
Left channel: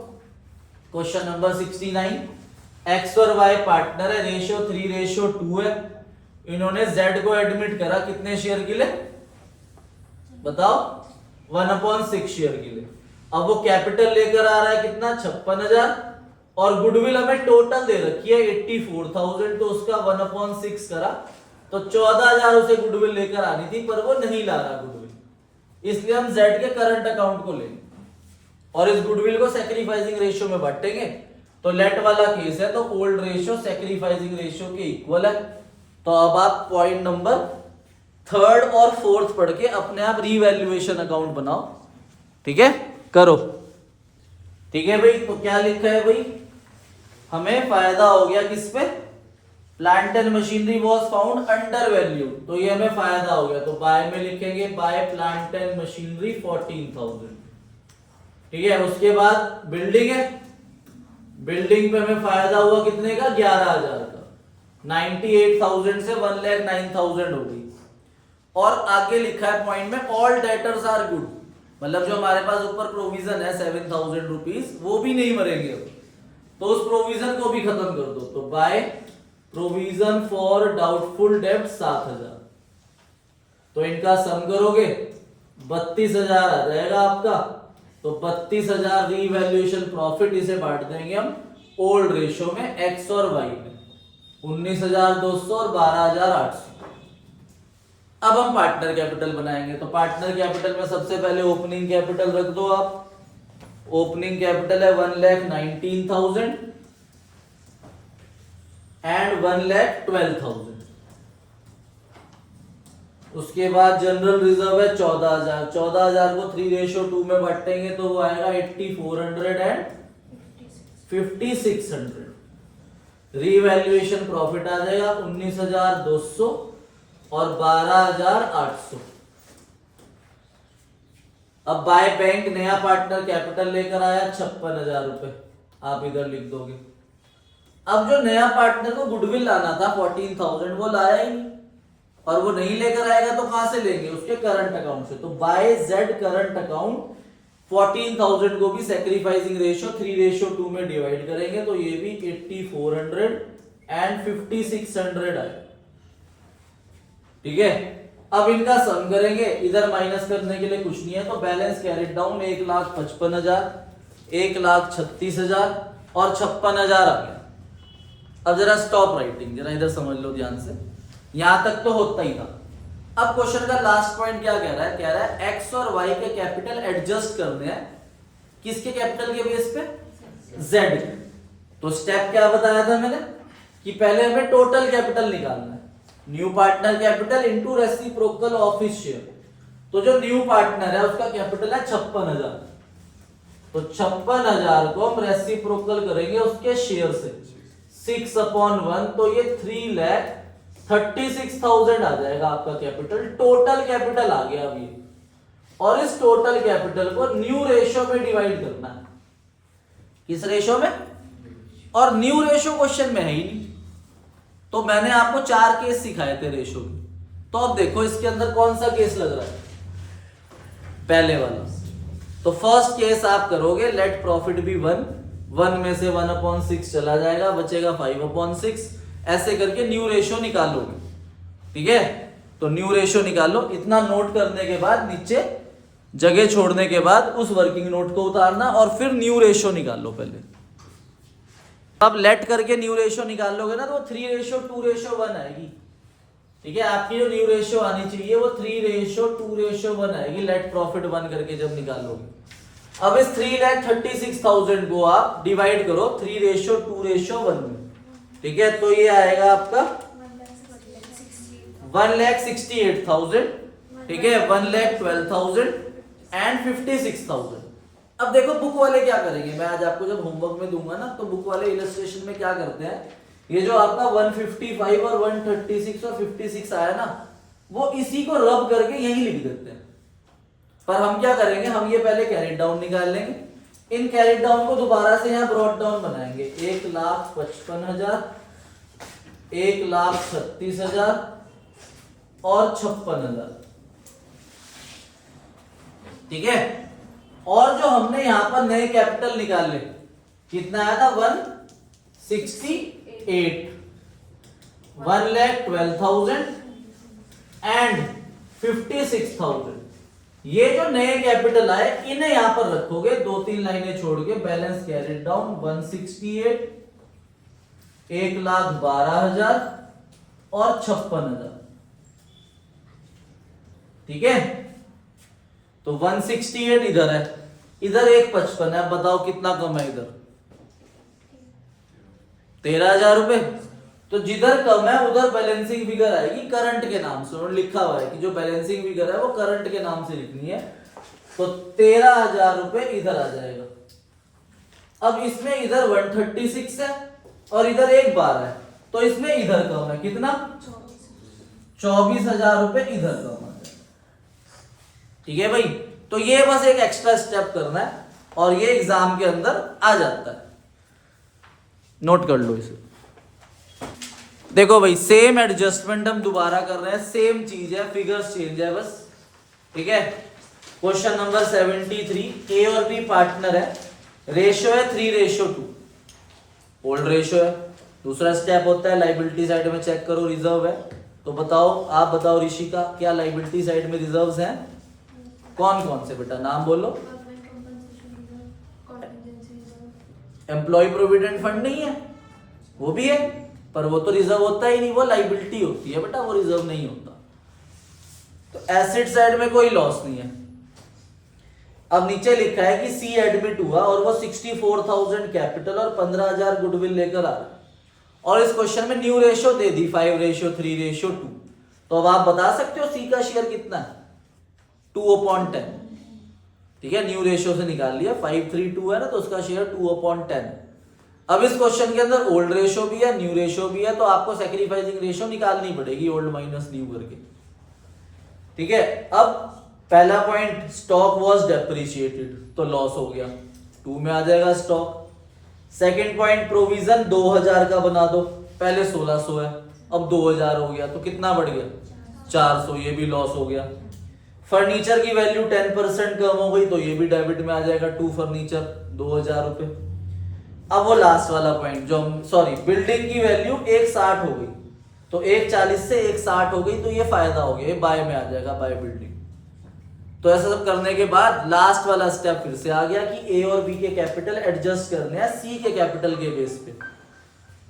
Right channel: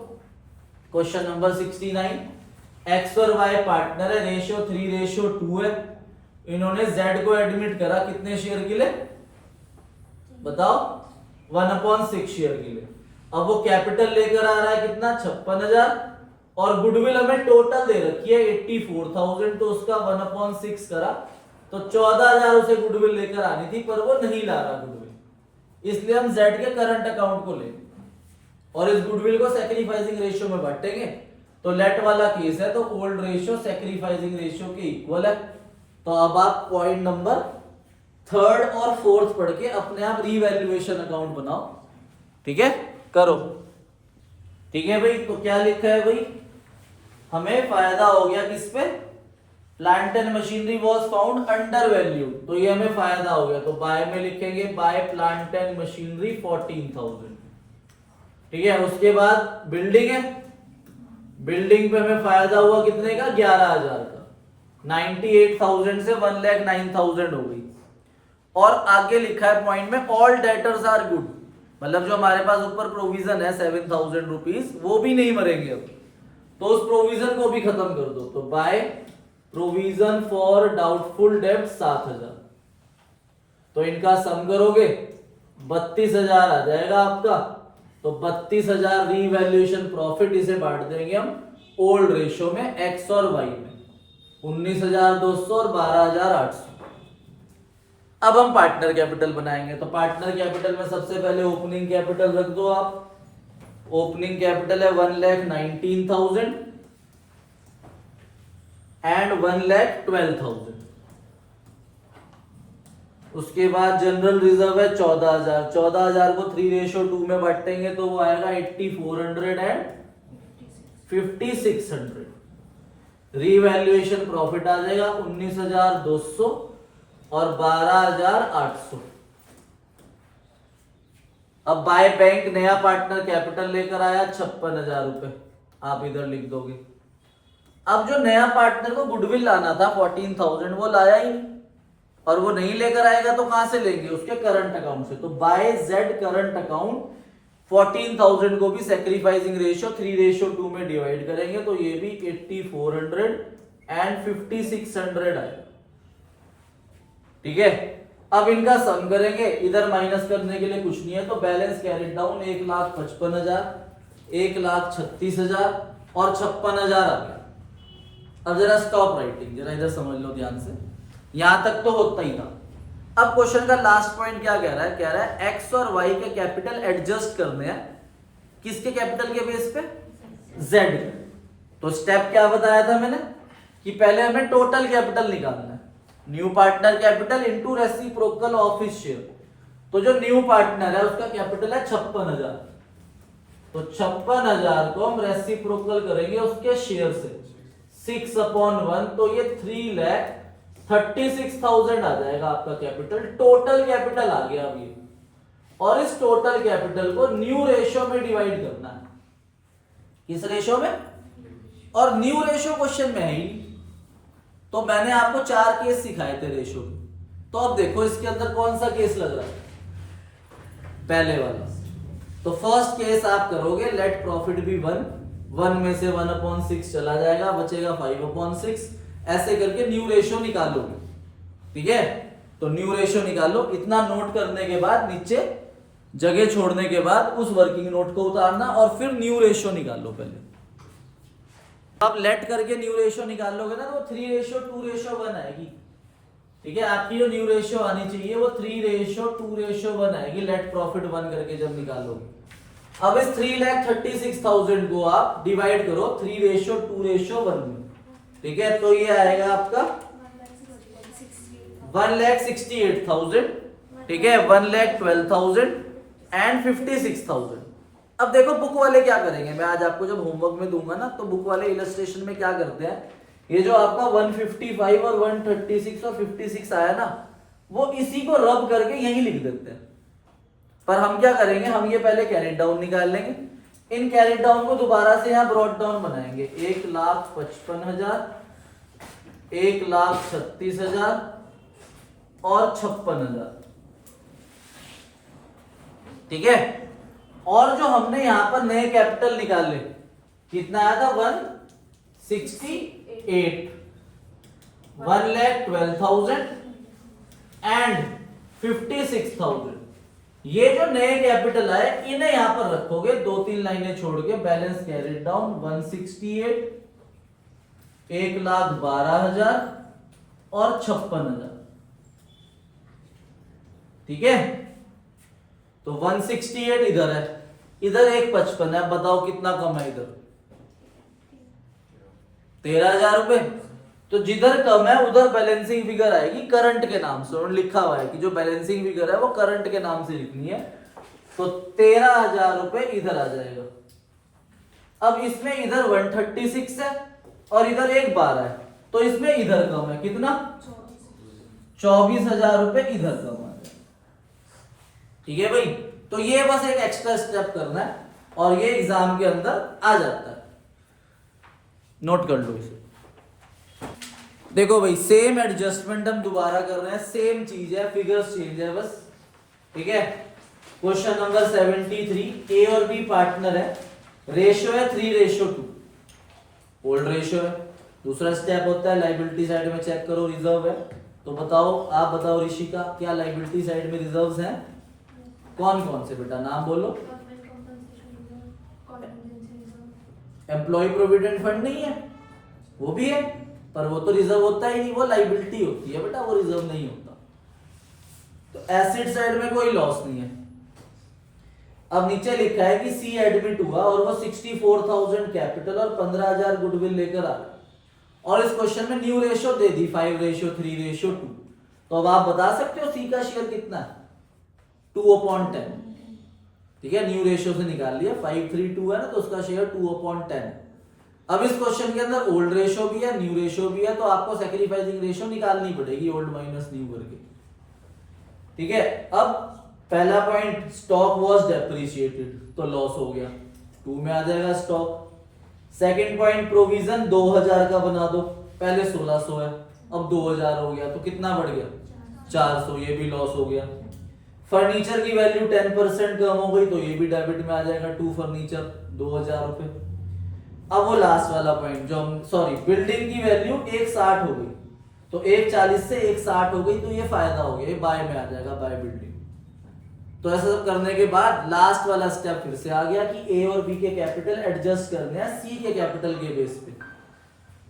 क्वेश्चन नंबर 69, एक्स और वाई पार्टनर है, रेशियो 3:2 है। इन्होंने जेड को एडमिट करा कितने शेयर के लिए? बताओ 1/6 शेयर के लिए। अब वो कैपिटल लेकर आ रहा है कितना? 56,000 और गुडविल हमें टोटल दे रखी है 84,000, तो उसका 1/6 करा तो 14,000 उसे गुडविल लेकर आनी थी, पर वो नहीं ला रहा गुडविल, इसलिए हम जेड के करंट अकाउंट को लेंगे और इस गुडविल को सैक्रिफाइसिंग रेशियो में बांटेंगे। तो लेट वाला केस है तो ओल्ड रेशियो सैक्रिफाइसिंग रेशियो के इक्वल है। तो अब आप पॉइंट नंबर थर्ड और फोर्थ पढ़ के अपने आप रीवैल्यूएशन अकाउंट बनाओ, ठीक है, करो। ठीक है भाई, तो क्या लिखा है भाई? हमें फायदा हो गया किस पे? Plant and machinery was found under value, तो ये हमें फायदा हो गया। तो बाय में लिखेंगे बाय प्लांट एंड मशीनरी 14,000, ठीक है। उसके बाद बिल्डिंग है, बिल्डिंग पे हमें फायदा हुआ कितने का? 11,000 का। 98,000 से 1,09,000 हो गई। और आगे लिखा है पॉइंट में ऑल डेटर्स आर गुड, मतलब जो हमारे पास ऊपर प्रोविजन है 7,000 रुपीज वो भी नहीं मरेंगे अब, तो उस प्रोविजन को भी खत्म कर दो। तो बाय प्रोविजन फॉर डाउटफुल डेब्ट 7,000, तो इनका सम करोगे 32,000 आ जाएगा आपका। तो 32,000 रीवैल्यूएशन प्रॉफिट, इसे बांट देंगे हम ओल्ड रेशियो में एक्स और वाई में, 19,200 और 12,800। अब हम पार्टनर कैपिटल बनाएंगे। तो पार्टनर कैपिटल में सबसे पहले ओपनिंग कैपिटल रख दो आप। ओपनिंग कैपिटल है 1,19,000 एंड 1,12,000। उसके बाद जनरल रिजर्व है 14,000। 14,000 को 3:2 में बांटेंगे तो वो आएगा 8,400 एंड 5,600। रीवैल्यूएशन प्रॉफिट आ जाएगा 19,200 और 12,800। अब बाय बैंक नया पार्टनर कैपिटल लेकर आया 56,000 रुपए, आप इधर लिख दोगे। अब जो नया पार्टनर को गुडविल लाना था 14,000 वो लाया ही नहीं, और वो नहीं लेकर आएगा तो कहां से लेंगे? उसके करंट अकाउंट से। तो बाय जेड करंट अकाउंट 14,000 को भी सैक्रिफाइसिंग रेशियो 3:2 में डिवाइड करेंगे तो ये भी 8,400 एंड 5,600 आएगा, ठीक है। अब इनका सम करेंगे, इधर माइनस करने के लिए कुछ नहीं है तो बैलेंस कैरिड डाउन 1,55,000, 1,36,000 और 56,000 आ गया। अब जरा स्टॉप राइटिंग, जरा इधर समझ लो ध्यान से, यहां तक तो होता ही था। अब क्वेश्चन का लास्ट पॉइंट क्या कह रहा है? कह रहा है एक्स और वाई के कैपिटल एडजस्ट करने हैं किसके कैपिटल के बेस पे? जेड। तो स्टेप क्या बताया था मैंने कि पहले हमें टोटल कैपिटल निकालना है, new partner capital into reciprocal of his share. तो जो न्यू पार्टनर है उसका कैपिटल है 56,000, तो 56,000 को हम रेसिप्रोकल करेंगे उसके शेयर से 6/1, तो ये 3,36,000 आ जाएगा आपका कैपिटल। टोटल कैपिटल आ गया अब ये, और इस टोटल कैपिटल को न्यू रेशियो में डिवाइड करना है। किस रेशियो में? और न्यू रेशियो क्वेश्चन में है ही, तो मैंने आपको 4 केस सिखाए थे रेशियो के। तो अब देखो इसके अंदर कौन सा केस लग रहा है? पहले वाला। तो फर्स्ट केस आप करोगे लेट प्रॉफिट बी 1 में से 1/6 चला जाएगा, बचेगा 5/6, ऐसे करके न्यू रेशियो निकालोगे, ठीक है। तो न्यू रेशियो निकालो। इतना नोट करने के बाद नीचे जगह छोड़ने के बाद उस वर्किंग नोट को उतारना और फिर न्यू रेशियो निकालो। पहले आप लेट करके न्यू रेशियो निकाल लोगे ना तो वो 3:2:1 आएगी। ठीक है, आपकी जो न्यू रेशियो आनी चाहिए वो 3:2:1 आएगी लेट प्रॉफिट 1 करके जब निकालोगे। अब इस 3,36,000 को आप डिवाइड करो 3:2:1 में। ठीक है, तो ये आएगा आपका 1,68,000। ठीक है, 1,12,000 एंड 56,000। अब देखो बुक वाले क्या करेंगे, मैं आज आपको जब होमवर्क में दूंगा ना तो बुक वाले इलस्ट्रेशन में क्या करते हैं, ये जो आपका 155 और 136 और 56 आया ना वो इसी को रब करके यही लिख देते हैं। पर हम क्या करेंगे, हम ये पहले कैरेट डाउन निकाल लेंगे। इन कैरेट डाउन को दोबारा से यहाँ ब्रॉड डाउन बनाएंगे। 1,55,000, 1,36,000 और 56,000। ठीक है, और जो हमने यहां पर नए कैपिटल निकाले कितना आया था 168, 1,12,000 एंड 56,000। ये जो नए कैपिटल आए इन्हें यहां पर रखोगे, 2-3 लाइनें छोड़ के। बैलेंस कैरिड डाउन 168, 1,12,000 और 56,000। ठीक है, तो 168 इधर है, इधर 155 है। बताओ कितना कम है इधर? 13,000 रुपए। तो जिधर कम है उधर बैलेंसिंग फिगर आएगी करंट के नाम से। और लिखा हुआ है कि जो बैलेंसिंग फिगर है वो करंट के नाम से लिखनी है। तो 13,000 रुपए इधर आ जाएगा। अब इसमें इधर 136 है और इधर 1,12 है, तो इसमें इधर कम है कितना? 24,000 रुपए इधर कम आ जाएगा। ठीक है भाई, तो ये बस एक एक्स्ट्रा स्टेप करना है और ये एग्जाम के अंदर आ जाता है। नोट कर लो इसे। देखो भाई, सेम एडजस्टमेंट हम दोबारा कर रहे हैं, सेम चीज है, फिगर्स चेंज है बस। ठीक है, क्वेश्चन नंबर 73, ए और बी पार्टनर है, रेशियो है 3:2, ओल्ड रेशियो है। दूसरा स्टेप होता है लाइबिलिटी साइड में चेक करो रिजर्व है। तो बताओ, आप बताओ ऋषिका, क्या लाइबिलिटी साइड में रिजर्व्स हैं? कौन कौन से बेटा, नाम बोलो। एम्प्लॉय प्रोविडेंट फंड नहीं है, वो भी है, पर वो तो रिजर्व होता ही नहीं, वो लाइबिलिटी होती है बेटा, वो रिजर्व नहीं होता। तो एसेट साइड में कोई लॉस नहीं है। अब नीचे लिखा है कि सी एडमिट हुआ और वो 64,000 कैपिटल और 15,000 गुडविल लेकर आ रहा, और इस क्वेश्चन में न्यू रेशियो दे दी 5:3:2। तो अब आप बता सकते हो सी का शेयर कितना है? 2/10। ठीक है, न्यू रेशियो से निकाल लिया, 532 है ना, तो उसका शेयर 2/10। अब इस क्वेश्चन के अंदर ओल्ड रेशियो भी है, न्यू रेशियो भी है, तो आपको सैक्रिफाइसिंग रेशियो निकालनी पड़ेगी ओल्ड माइनस न्यू करके। ठीक है, अब पहला पॉइंट, स्टॉक वाज डेप्रिशिएटेड, तो लॉस हो गया, 2 में आ जाएगा स्टॉक। सेकंड पॉइंट, प्रोविजन 2,000 का बना दो, पहले 1,600 है, अब 2,000 हो गया, तो कितना बढ़ गया? 400, ये भी लॉस हो गया। फर्नीचर की वैल्यू 10% कम हो गई, तो ये भी डेबिट में आ जाएगा, 2 फर्नीचर 2,000 रुपए। अब वो लास्ट वाला पॉइंट जो सॉरी, बिल्डिंग की वैल्यू 160 हो गई, तो 140 से 160 हो गई, तो ये फायदा हो गया, ये बाय में आ जाएगा, बाय बिल्डिंग। तो ऐसा सब करने के बाद लास्ट वाला स्टेप फिर से आ गया कि ए और बी के कैपिटल एडजस्ट करने हैं सी के कैपिटल के बेस पे।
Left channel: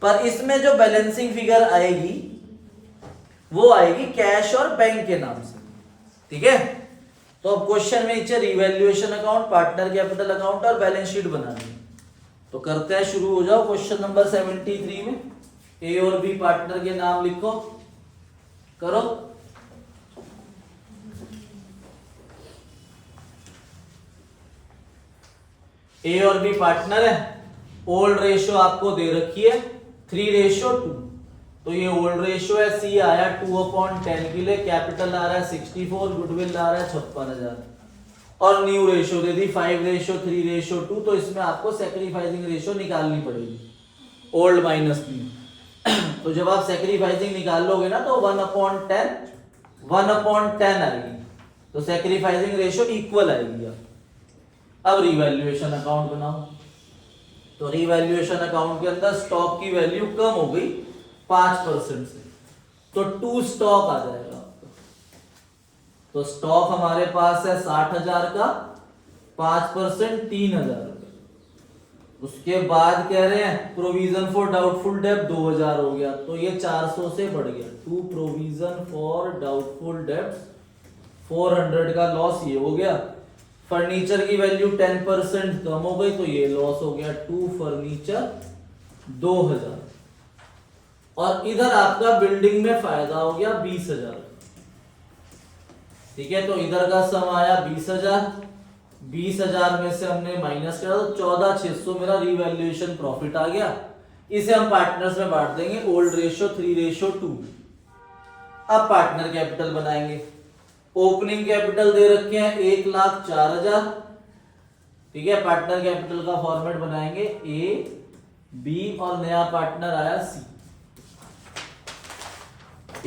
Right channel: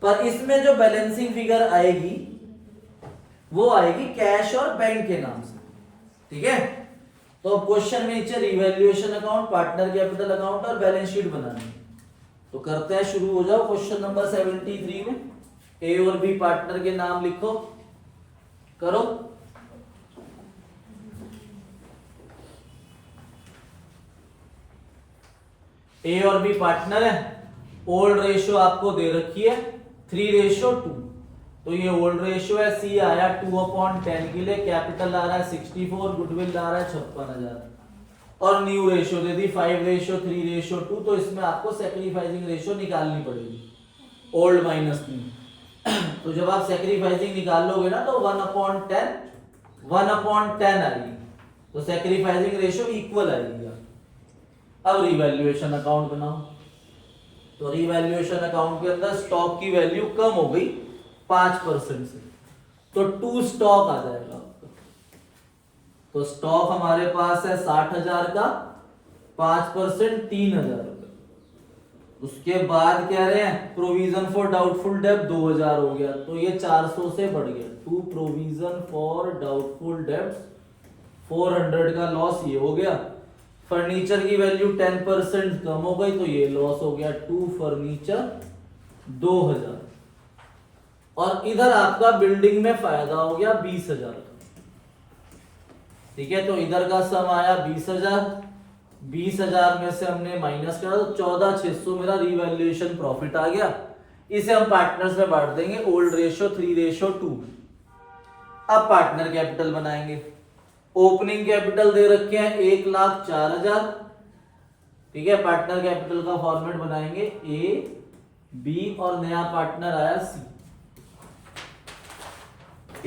पर इसमें जो बैलेंसिंग फिगर आएगी वो आएगी कैश और बैंक के नाम से। ठीक है, तो अब क्वेश्चन में नीचे revaluation account, partner capital account और बैलेंस शीट बनानी है। तो करते हैं, शुरू हो जाओ। क्वेश्चन नंबर 73 में ए और बी पार्टनर के नाम लिखो, करो। ए और बी पार्टनर है, ओल्ड रेशियो आपको दे रखी है 3:2, तो ये ओल्ड रेशियो है, सी आया 2/10 के लिए, कैपिटल आ रहा है 64, गुडविल आ रहा है 56,000, और न्यू रेशियो दे दी 5:3:2, तो इसमें आपको सैक्रिफाइसिंग रेशियो निकालनी पड़ेगी, ओल्ड माइनस न्यू। तो जब आप सैक्रिफाइसिंग निकाल लोगे ना तो 1/10 आएगी, तो सैक्रिफाइसिंग रेशियो इक्वल आएगी। अब रिवैल्यूएशन अकाउंट बनाओ। तो रिवैल्यूएशन अकाउंट के अंदर स्टॉक की वैल्यू कम हो गई 5% से, तो 2 स्टॉक आ जाएगा आपका। तो स्टॉक हमारे पास है 60,000 का, 5% 3,000 रुपए। उसके बाद कह रहे हैं प्रोविजन फॉर डाउटफुल डेब्ट 2,000 हो गया, तो ये 400 से बढ़ गया। टू प्रोविजन फॉर डाउटफुल डेब्ट 400 का लॉस ये हो गया। फर्नीचर की वैल्यू 10% कम हो गई, तो ये लॉस हो गया। To furniture 2,000। और इधर आपका बिल्डिंग में फायदा हो गया 20,000। ठीक है, तो इधर का सम आया 20,000। 20,000 में से हमने माइनस करा तो 14,600 मेरा रिवैल्यूएशन प्रॉफिट आ गया। इसे हम पार्टनर्स में बांट देंगे ओल्ड रेशियो 3:2। अब पार्टनर कैपिटल बनाएंगे। ओपनिंग कैपिटल दे रखे हैं 1,04,000। ठीक है, पार्टनर कैपिटल का फॉर्मेट बनाएंगे ए बी और नया पार्टनर आया सी।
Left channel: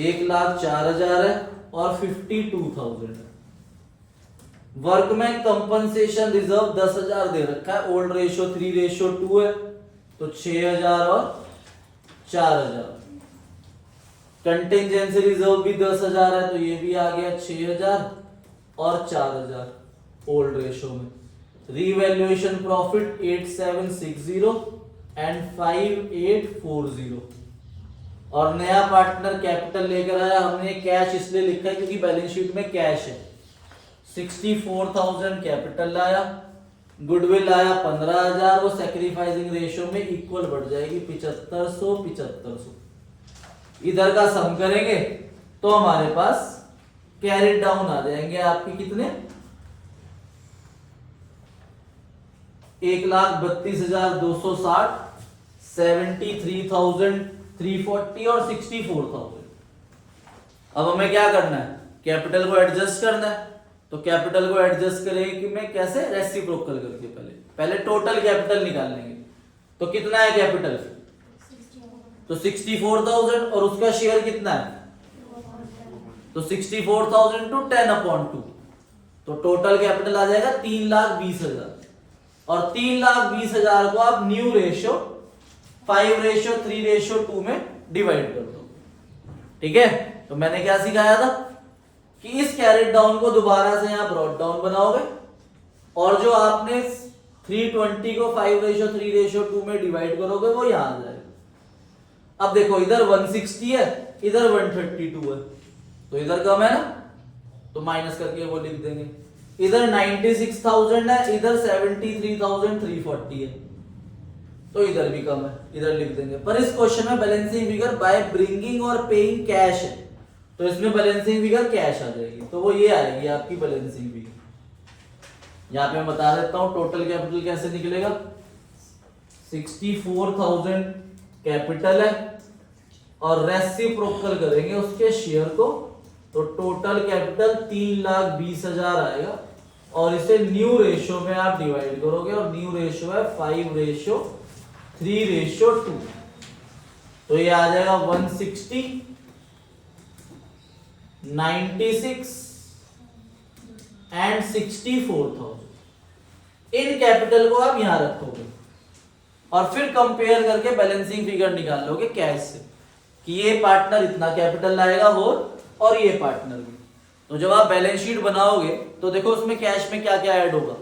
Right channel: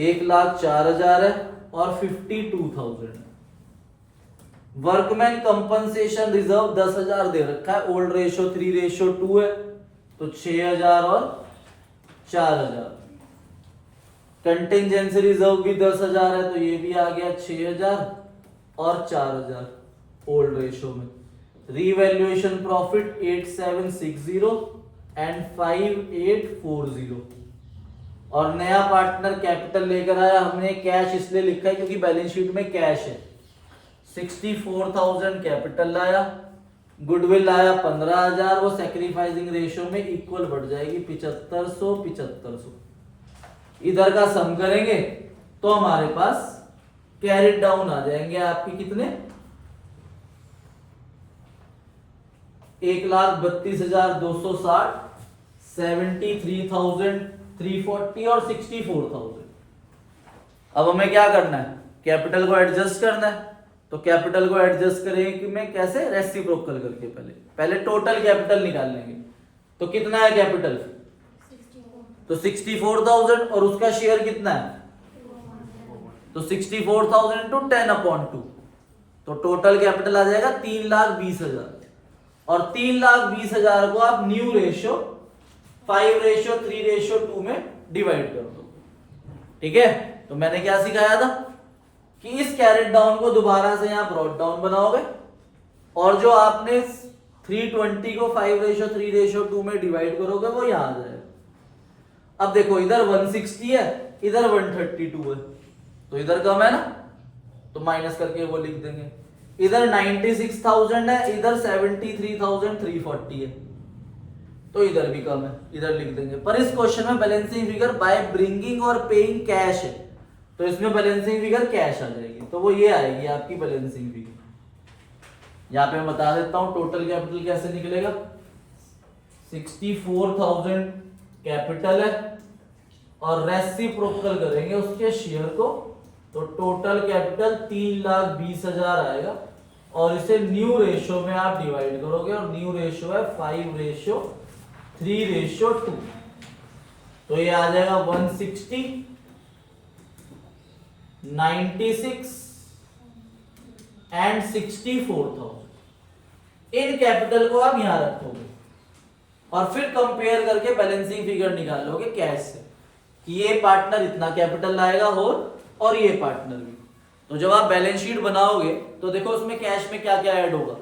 1,04,000 है और 52,000 है। वर्कमैन कंपनसेशन रिजर्व 10,000 दे रखा है, ओल्ड रेशियो 3:2 है, तो 6,000 और 4,000। कंटिजेंसी रिजर्व भी 10,000 है, तो ये भी आ गया 6,000 और 4,000 ओल्ड रेशियो में। Revaluation profit 8,760 and 5,840। और नया पार्टनर कैपिटल लेकर आया, हमने कैश इसलिए लिखा है क्योंकि बैलेंस शीट में कैश है। 64,000 कैपिटल लाया, गुडविल लाया 15,000, वो सैक्रिफाइसिंग रेशियो में इक्वल बढ़ जाएगी 7,500। इधर का सम करेंगे तो हमारे पास कैरी डाउन आ जाएंगे आपके कितने, 1,32,260, 73,340 और 64,000। अब हमें क्या करना है, कैपिटल को एडजस्ट करना है। तो कैपिटल को एडजस्ट करेंगे कि मैं कैसे, रेसिप्रोकल करके पहले टोटल कैपिटल निकाल लेंगे। तो कितना है कैपिटल, तो 64,000 और उसका शेयर कितना है, तो 64,000 टू 10/2, तो टोटल कैपिटल आ जाएगा 3,20,000। और 3,20,000 को आप न्यू रेशियो 5:3:2 में डिवाइड कर दो। ठीक है, तो मैंने क्या सिखाया था कि इस कैरेट डाउन को दोबारा से यहां ब्रॉट डाउन बनाओगे और जो आपने 320 को 5:3:2 में डिवाइड करोगे वो यहां आ जाएगा। अब देखो इधर 160 है, इधर 132 है, तो इधर कम है ना, तो माइनस करके वो लिख देंगे। इधर 96,000 है, इधर 73,340 है, तो इधर भी कम है, इधर लिख देंगे। पर इस क्वेश्चन में बैलेंसिंग फिगर बाय ब्रिंगिंग और पेइंग कैश है, तो इसमें बैलेंसिंग फिगर कैश आ जाएगी, तो वो ये आएगी आपकी बैलेंसिंग फिगर। यहां पे मैं बता देता हूं टोटल कैपिटल कैसे निकलेगा। 64,000 कैपिटल है और रेसिप्रोकल करेंगे उसके शेयर को, तो टोटल कैपिटल 3,20,000 आएगा और इसे न्यू रेशियो में आप डिवाइड करोगे और न्यू रेशियो है 5:3:2, तो ये आ जाएगा 160, 96 एंड 64,000। इन कैपिटल को आप यहां रखोगे और फिर कंपेयर करके बैलेंसिंग फिगर निकाल लोगे कैश से कि ये पार्टनर इतना कैपिटल लाएगा और ये पार्टनर भी। तो जब आप बैलेंस शीट बनाओगे तो देखो उसमें कैश में क्या क्या ऐड होगा।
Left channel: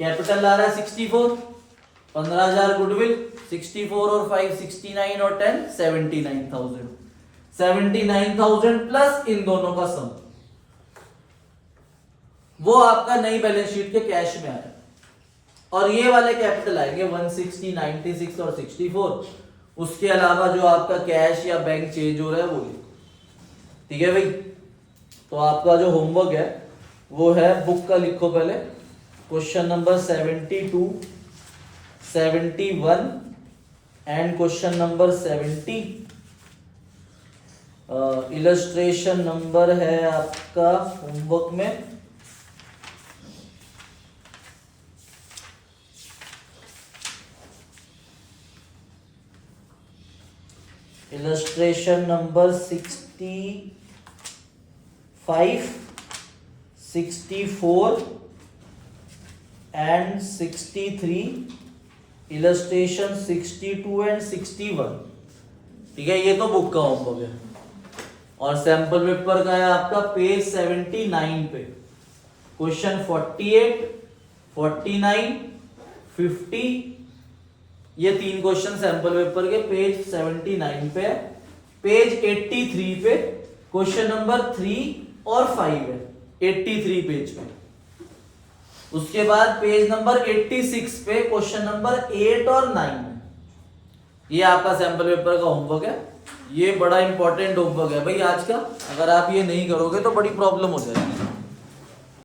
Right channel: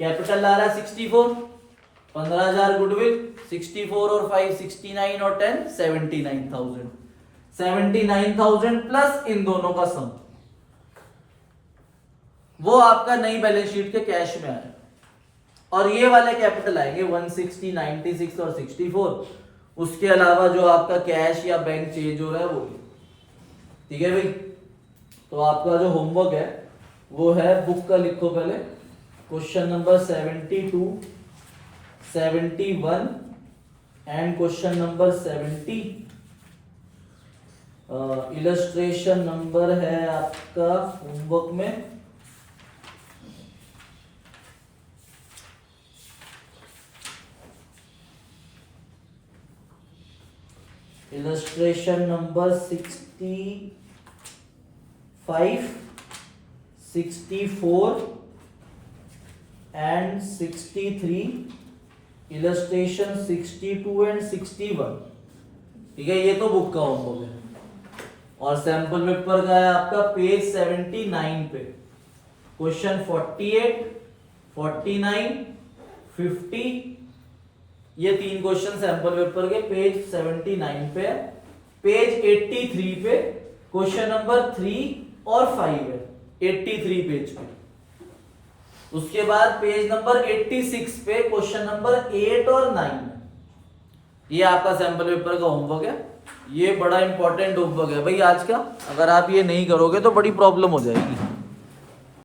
कैपिटल ला रहा है 64, 15,000 गुडविल, 64 और 5 69 और 10 79,000, 79,000 प्लस इन दोनों का सम, वो आपका नई बैलेंस शीट के कैश में आया। और ये वाले कैपिटल आएंगे 160, 96 और 64, उसके अलावा जो आपका कैश या बैंक चेंज हो रहा है वो। ठीक है भाई, तो आपका जो होमवर्क है वो है, बुक का लिखो पहले, question number 72, 71 and question number 70। Illustration number है आपका होमवर्क में illustration number 65, 64 and 63, illustration 62 and 61। ठीक है, ये तो बुक का होमवर्क है। और सैंपल पेपर का है आपका पेज 79 पे। क्वेश्चन 48, 49, 50, ये 3 क्वेश्चन सैंपल पेपर के पेज 79 पे है। पेज 83 पे क्वेश्चन नंबर 3 और 5 है, 83 पेज पे। उसके बाद पेज नंबर 86 पे क्वेश्चन नंबर 8 और 9 है। ये आपका सैंपल पेपर का होमवर्क है। ये बड़ा इंपॉर्टेंट होमवर्क है भाई आज का। अगर आप ये नहीं करोगे तो बड़ी प्रॉब्लम हो जाएगी।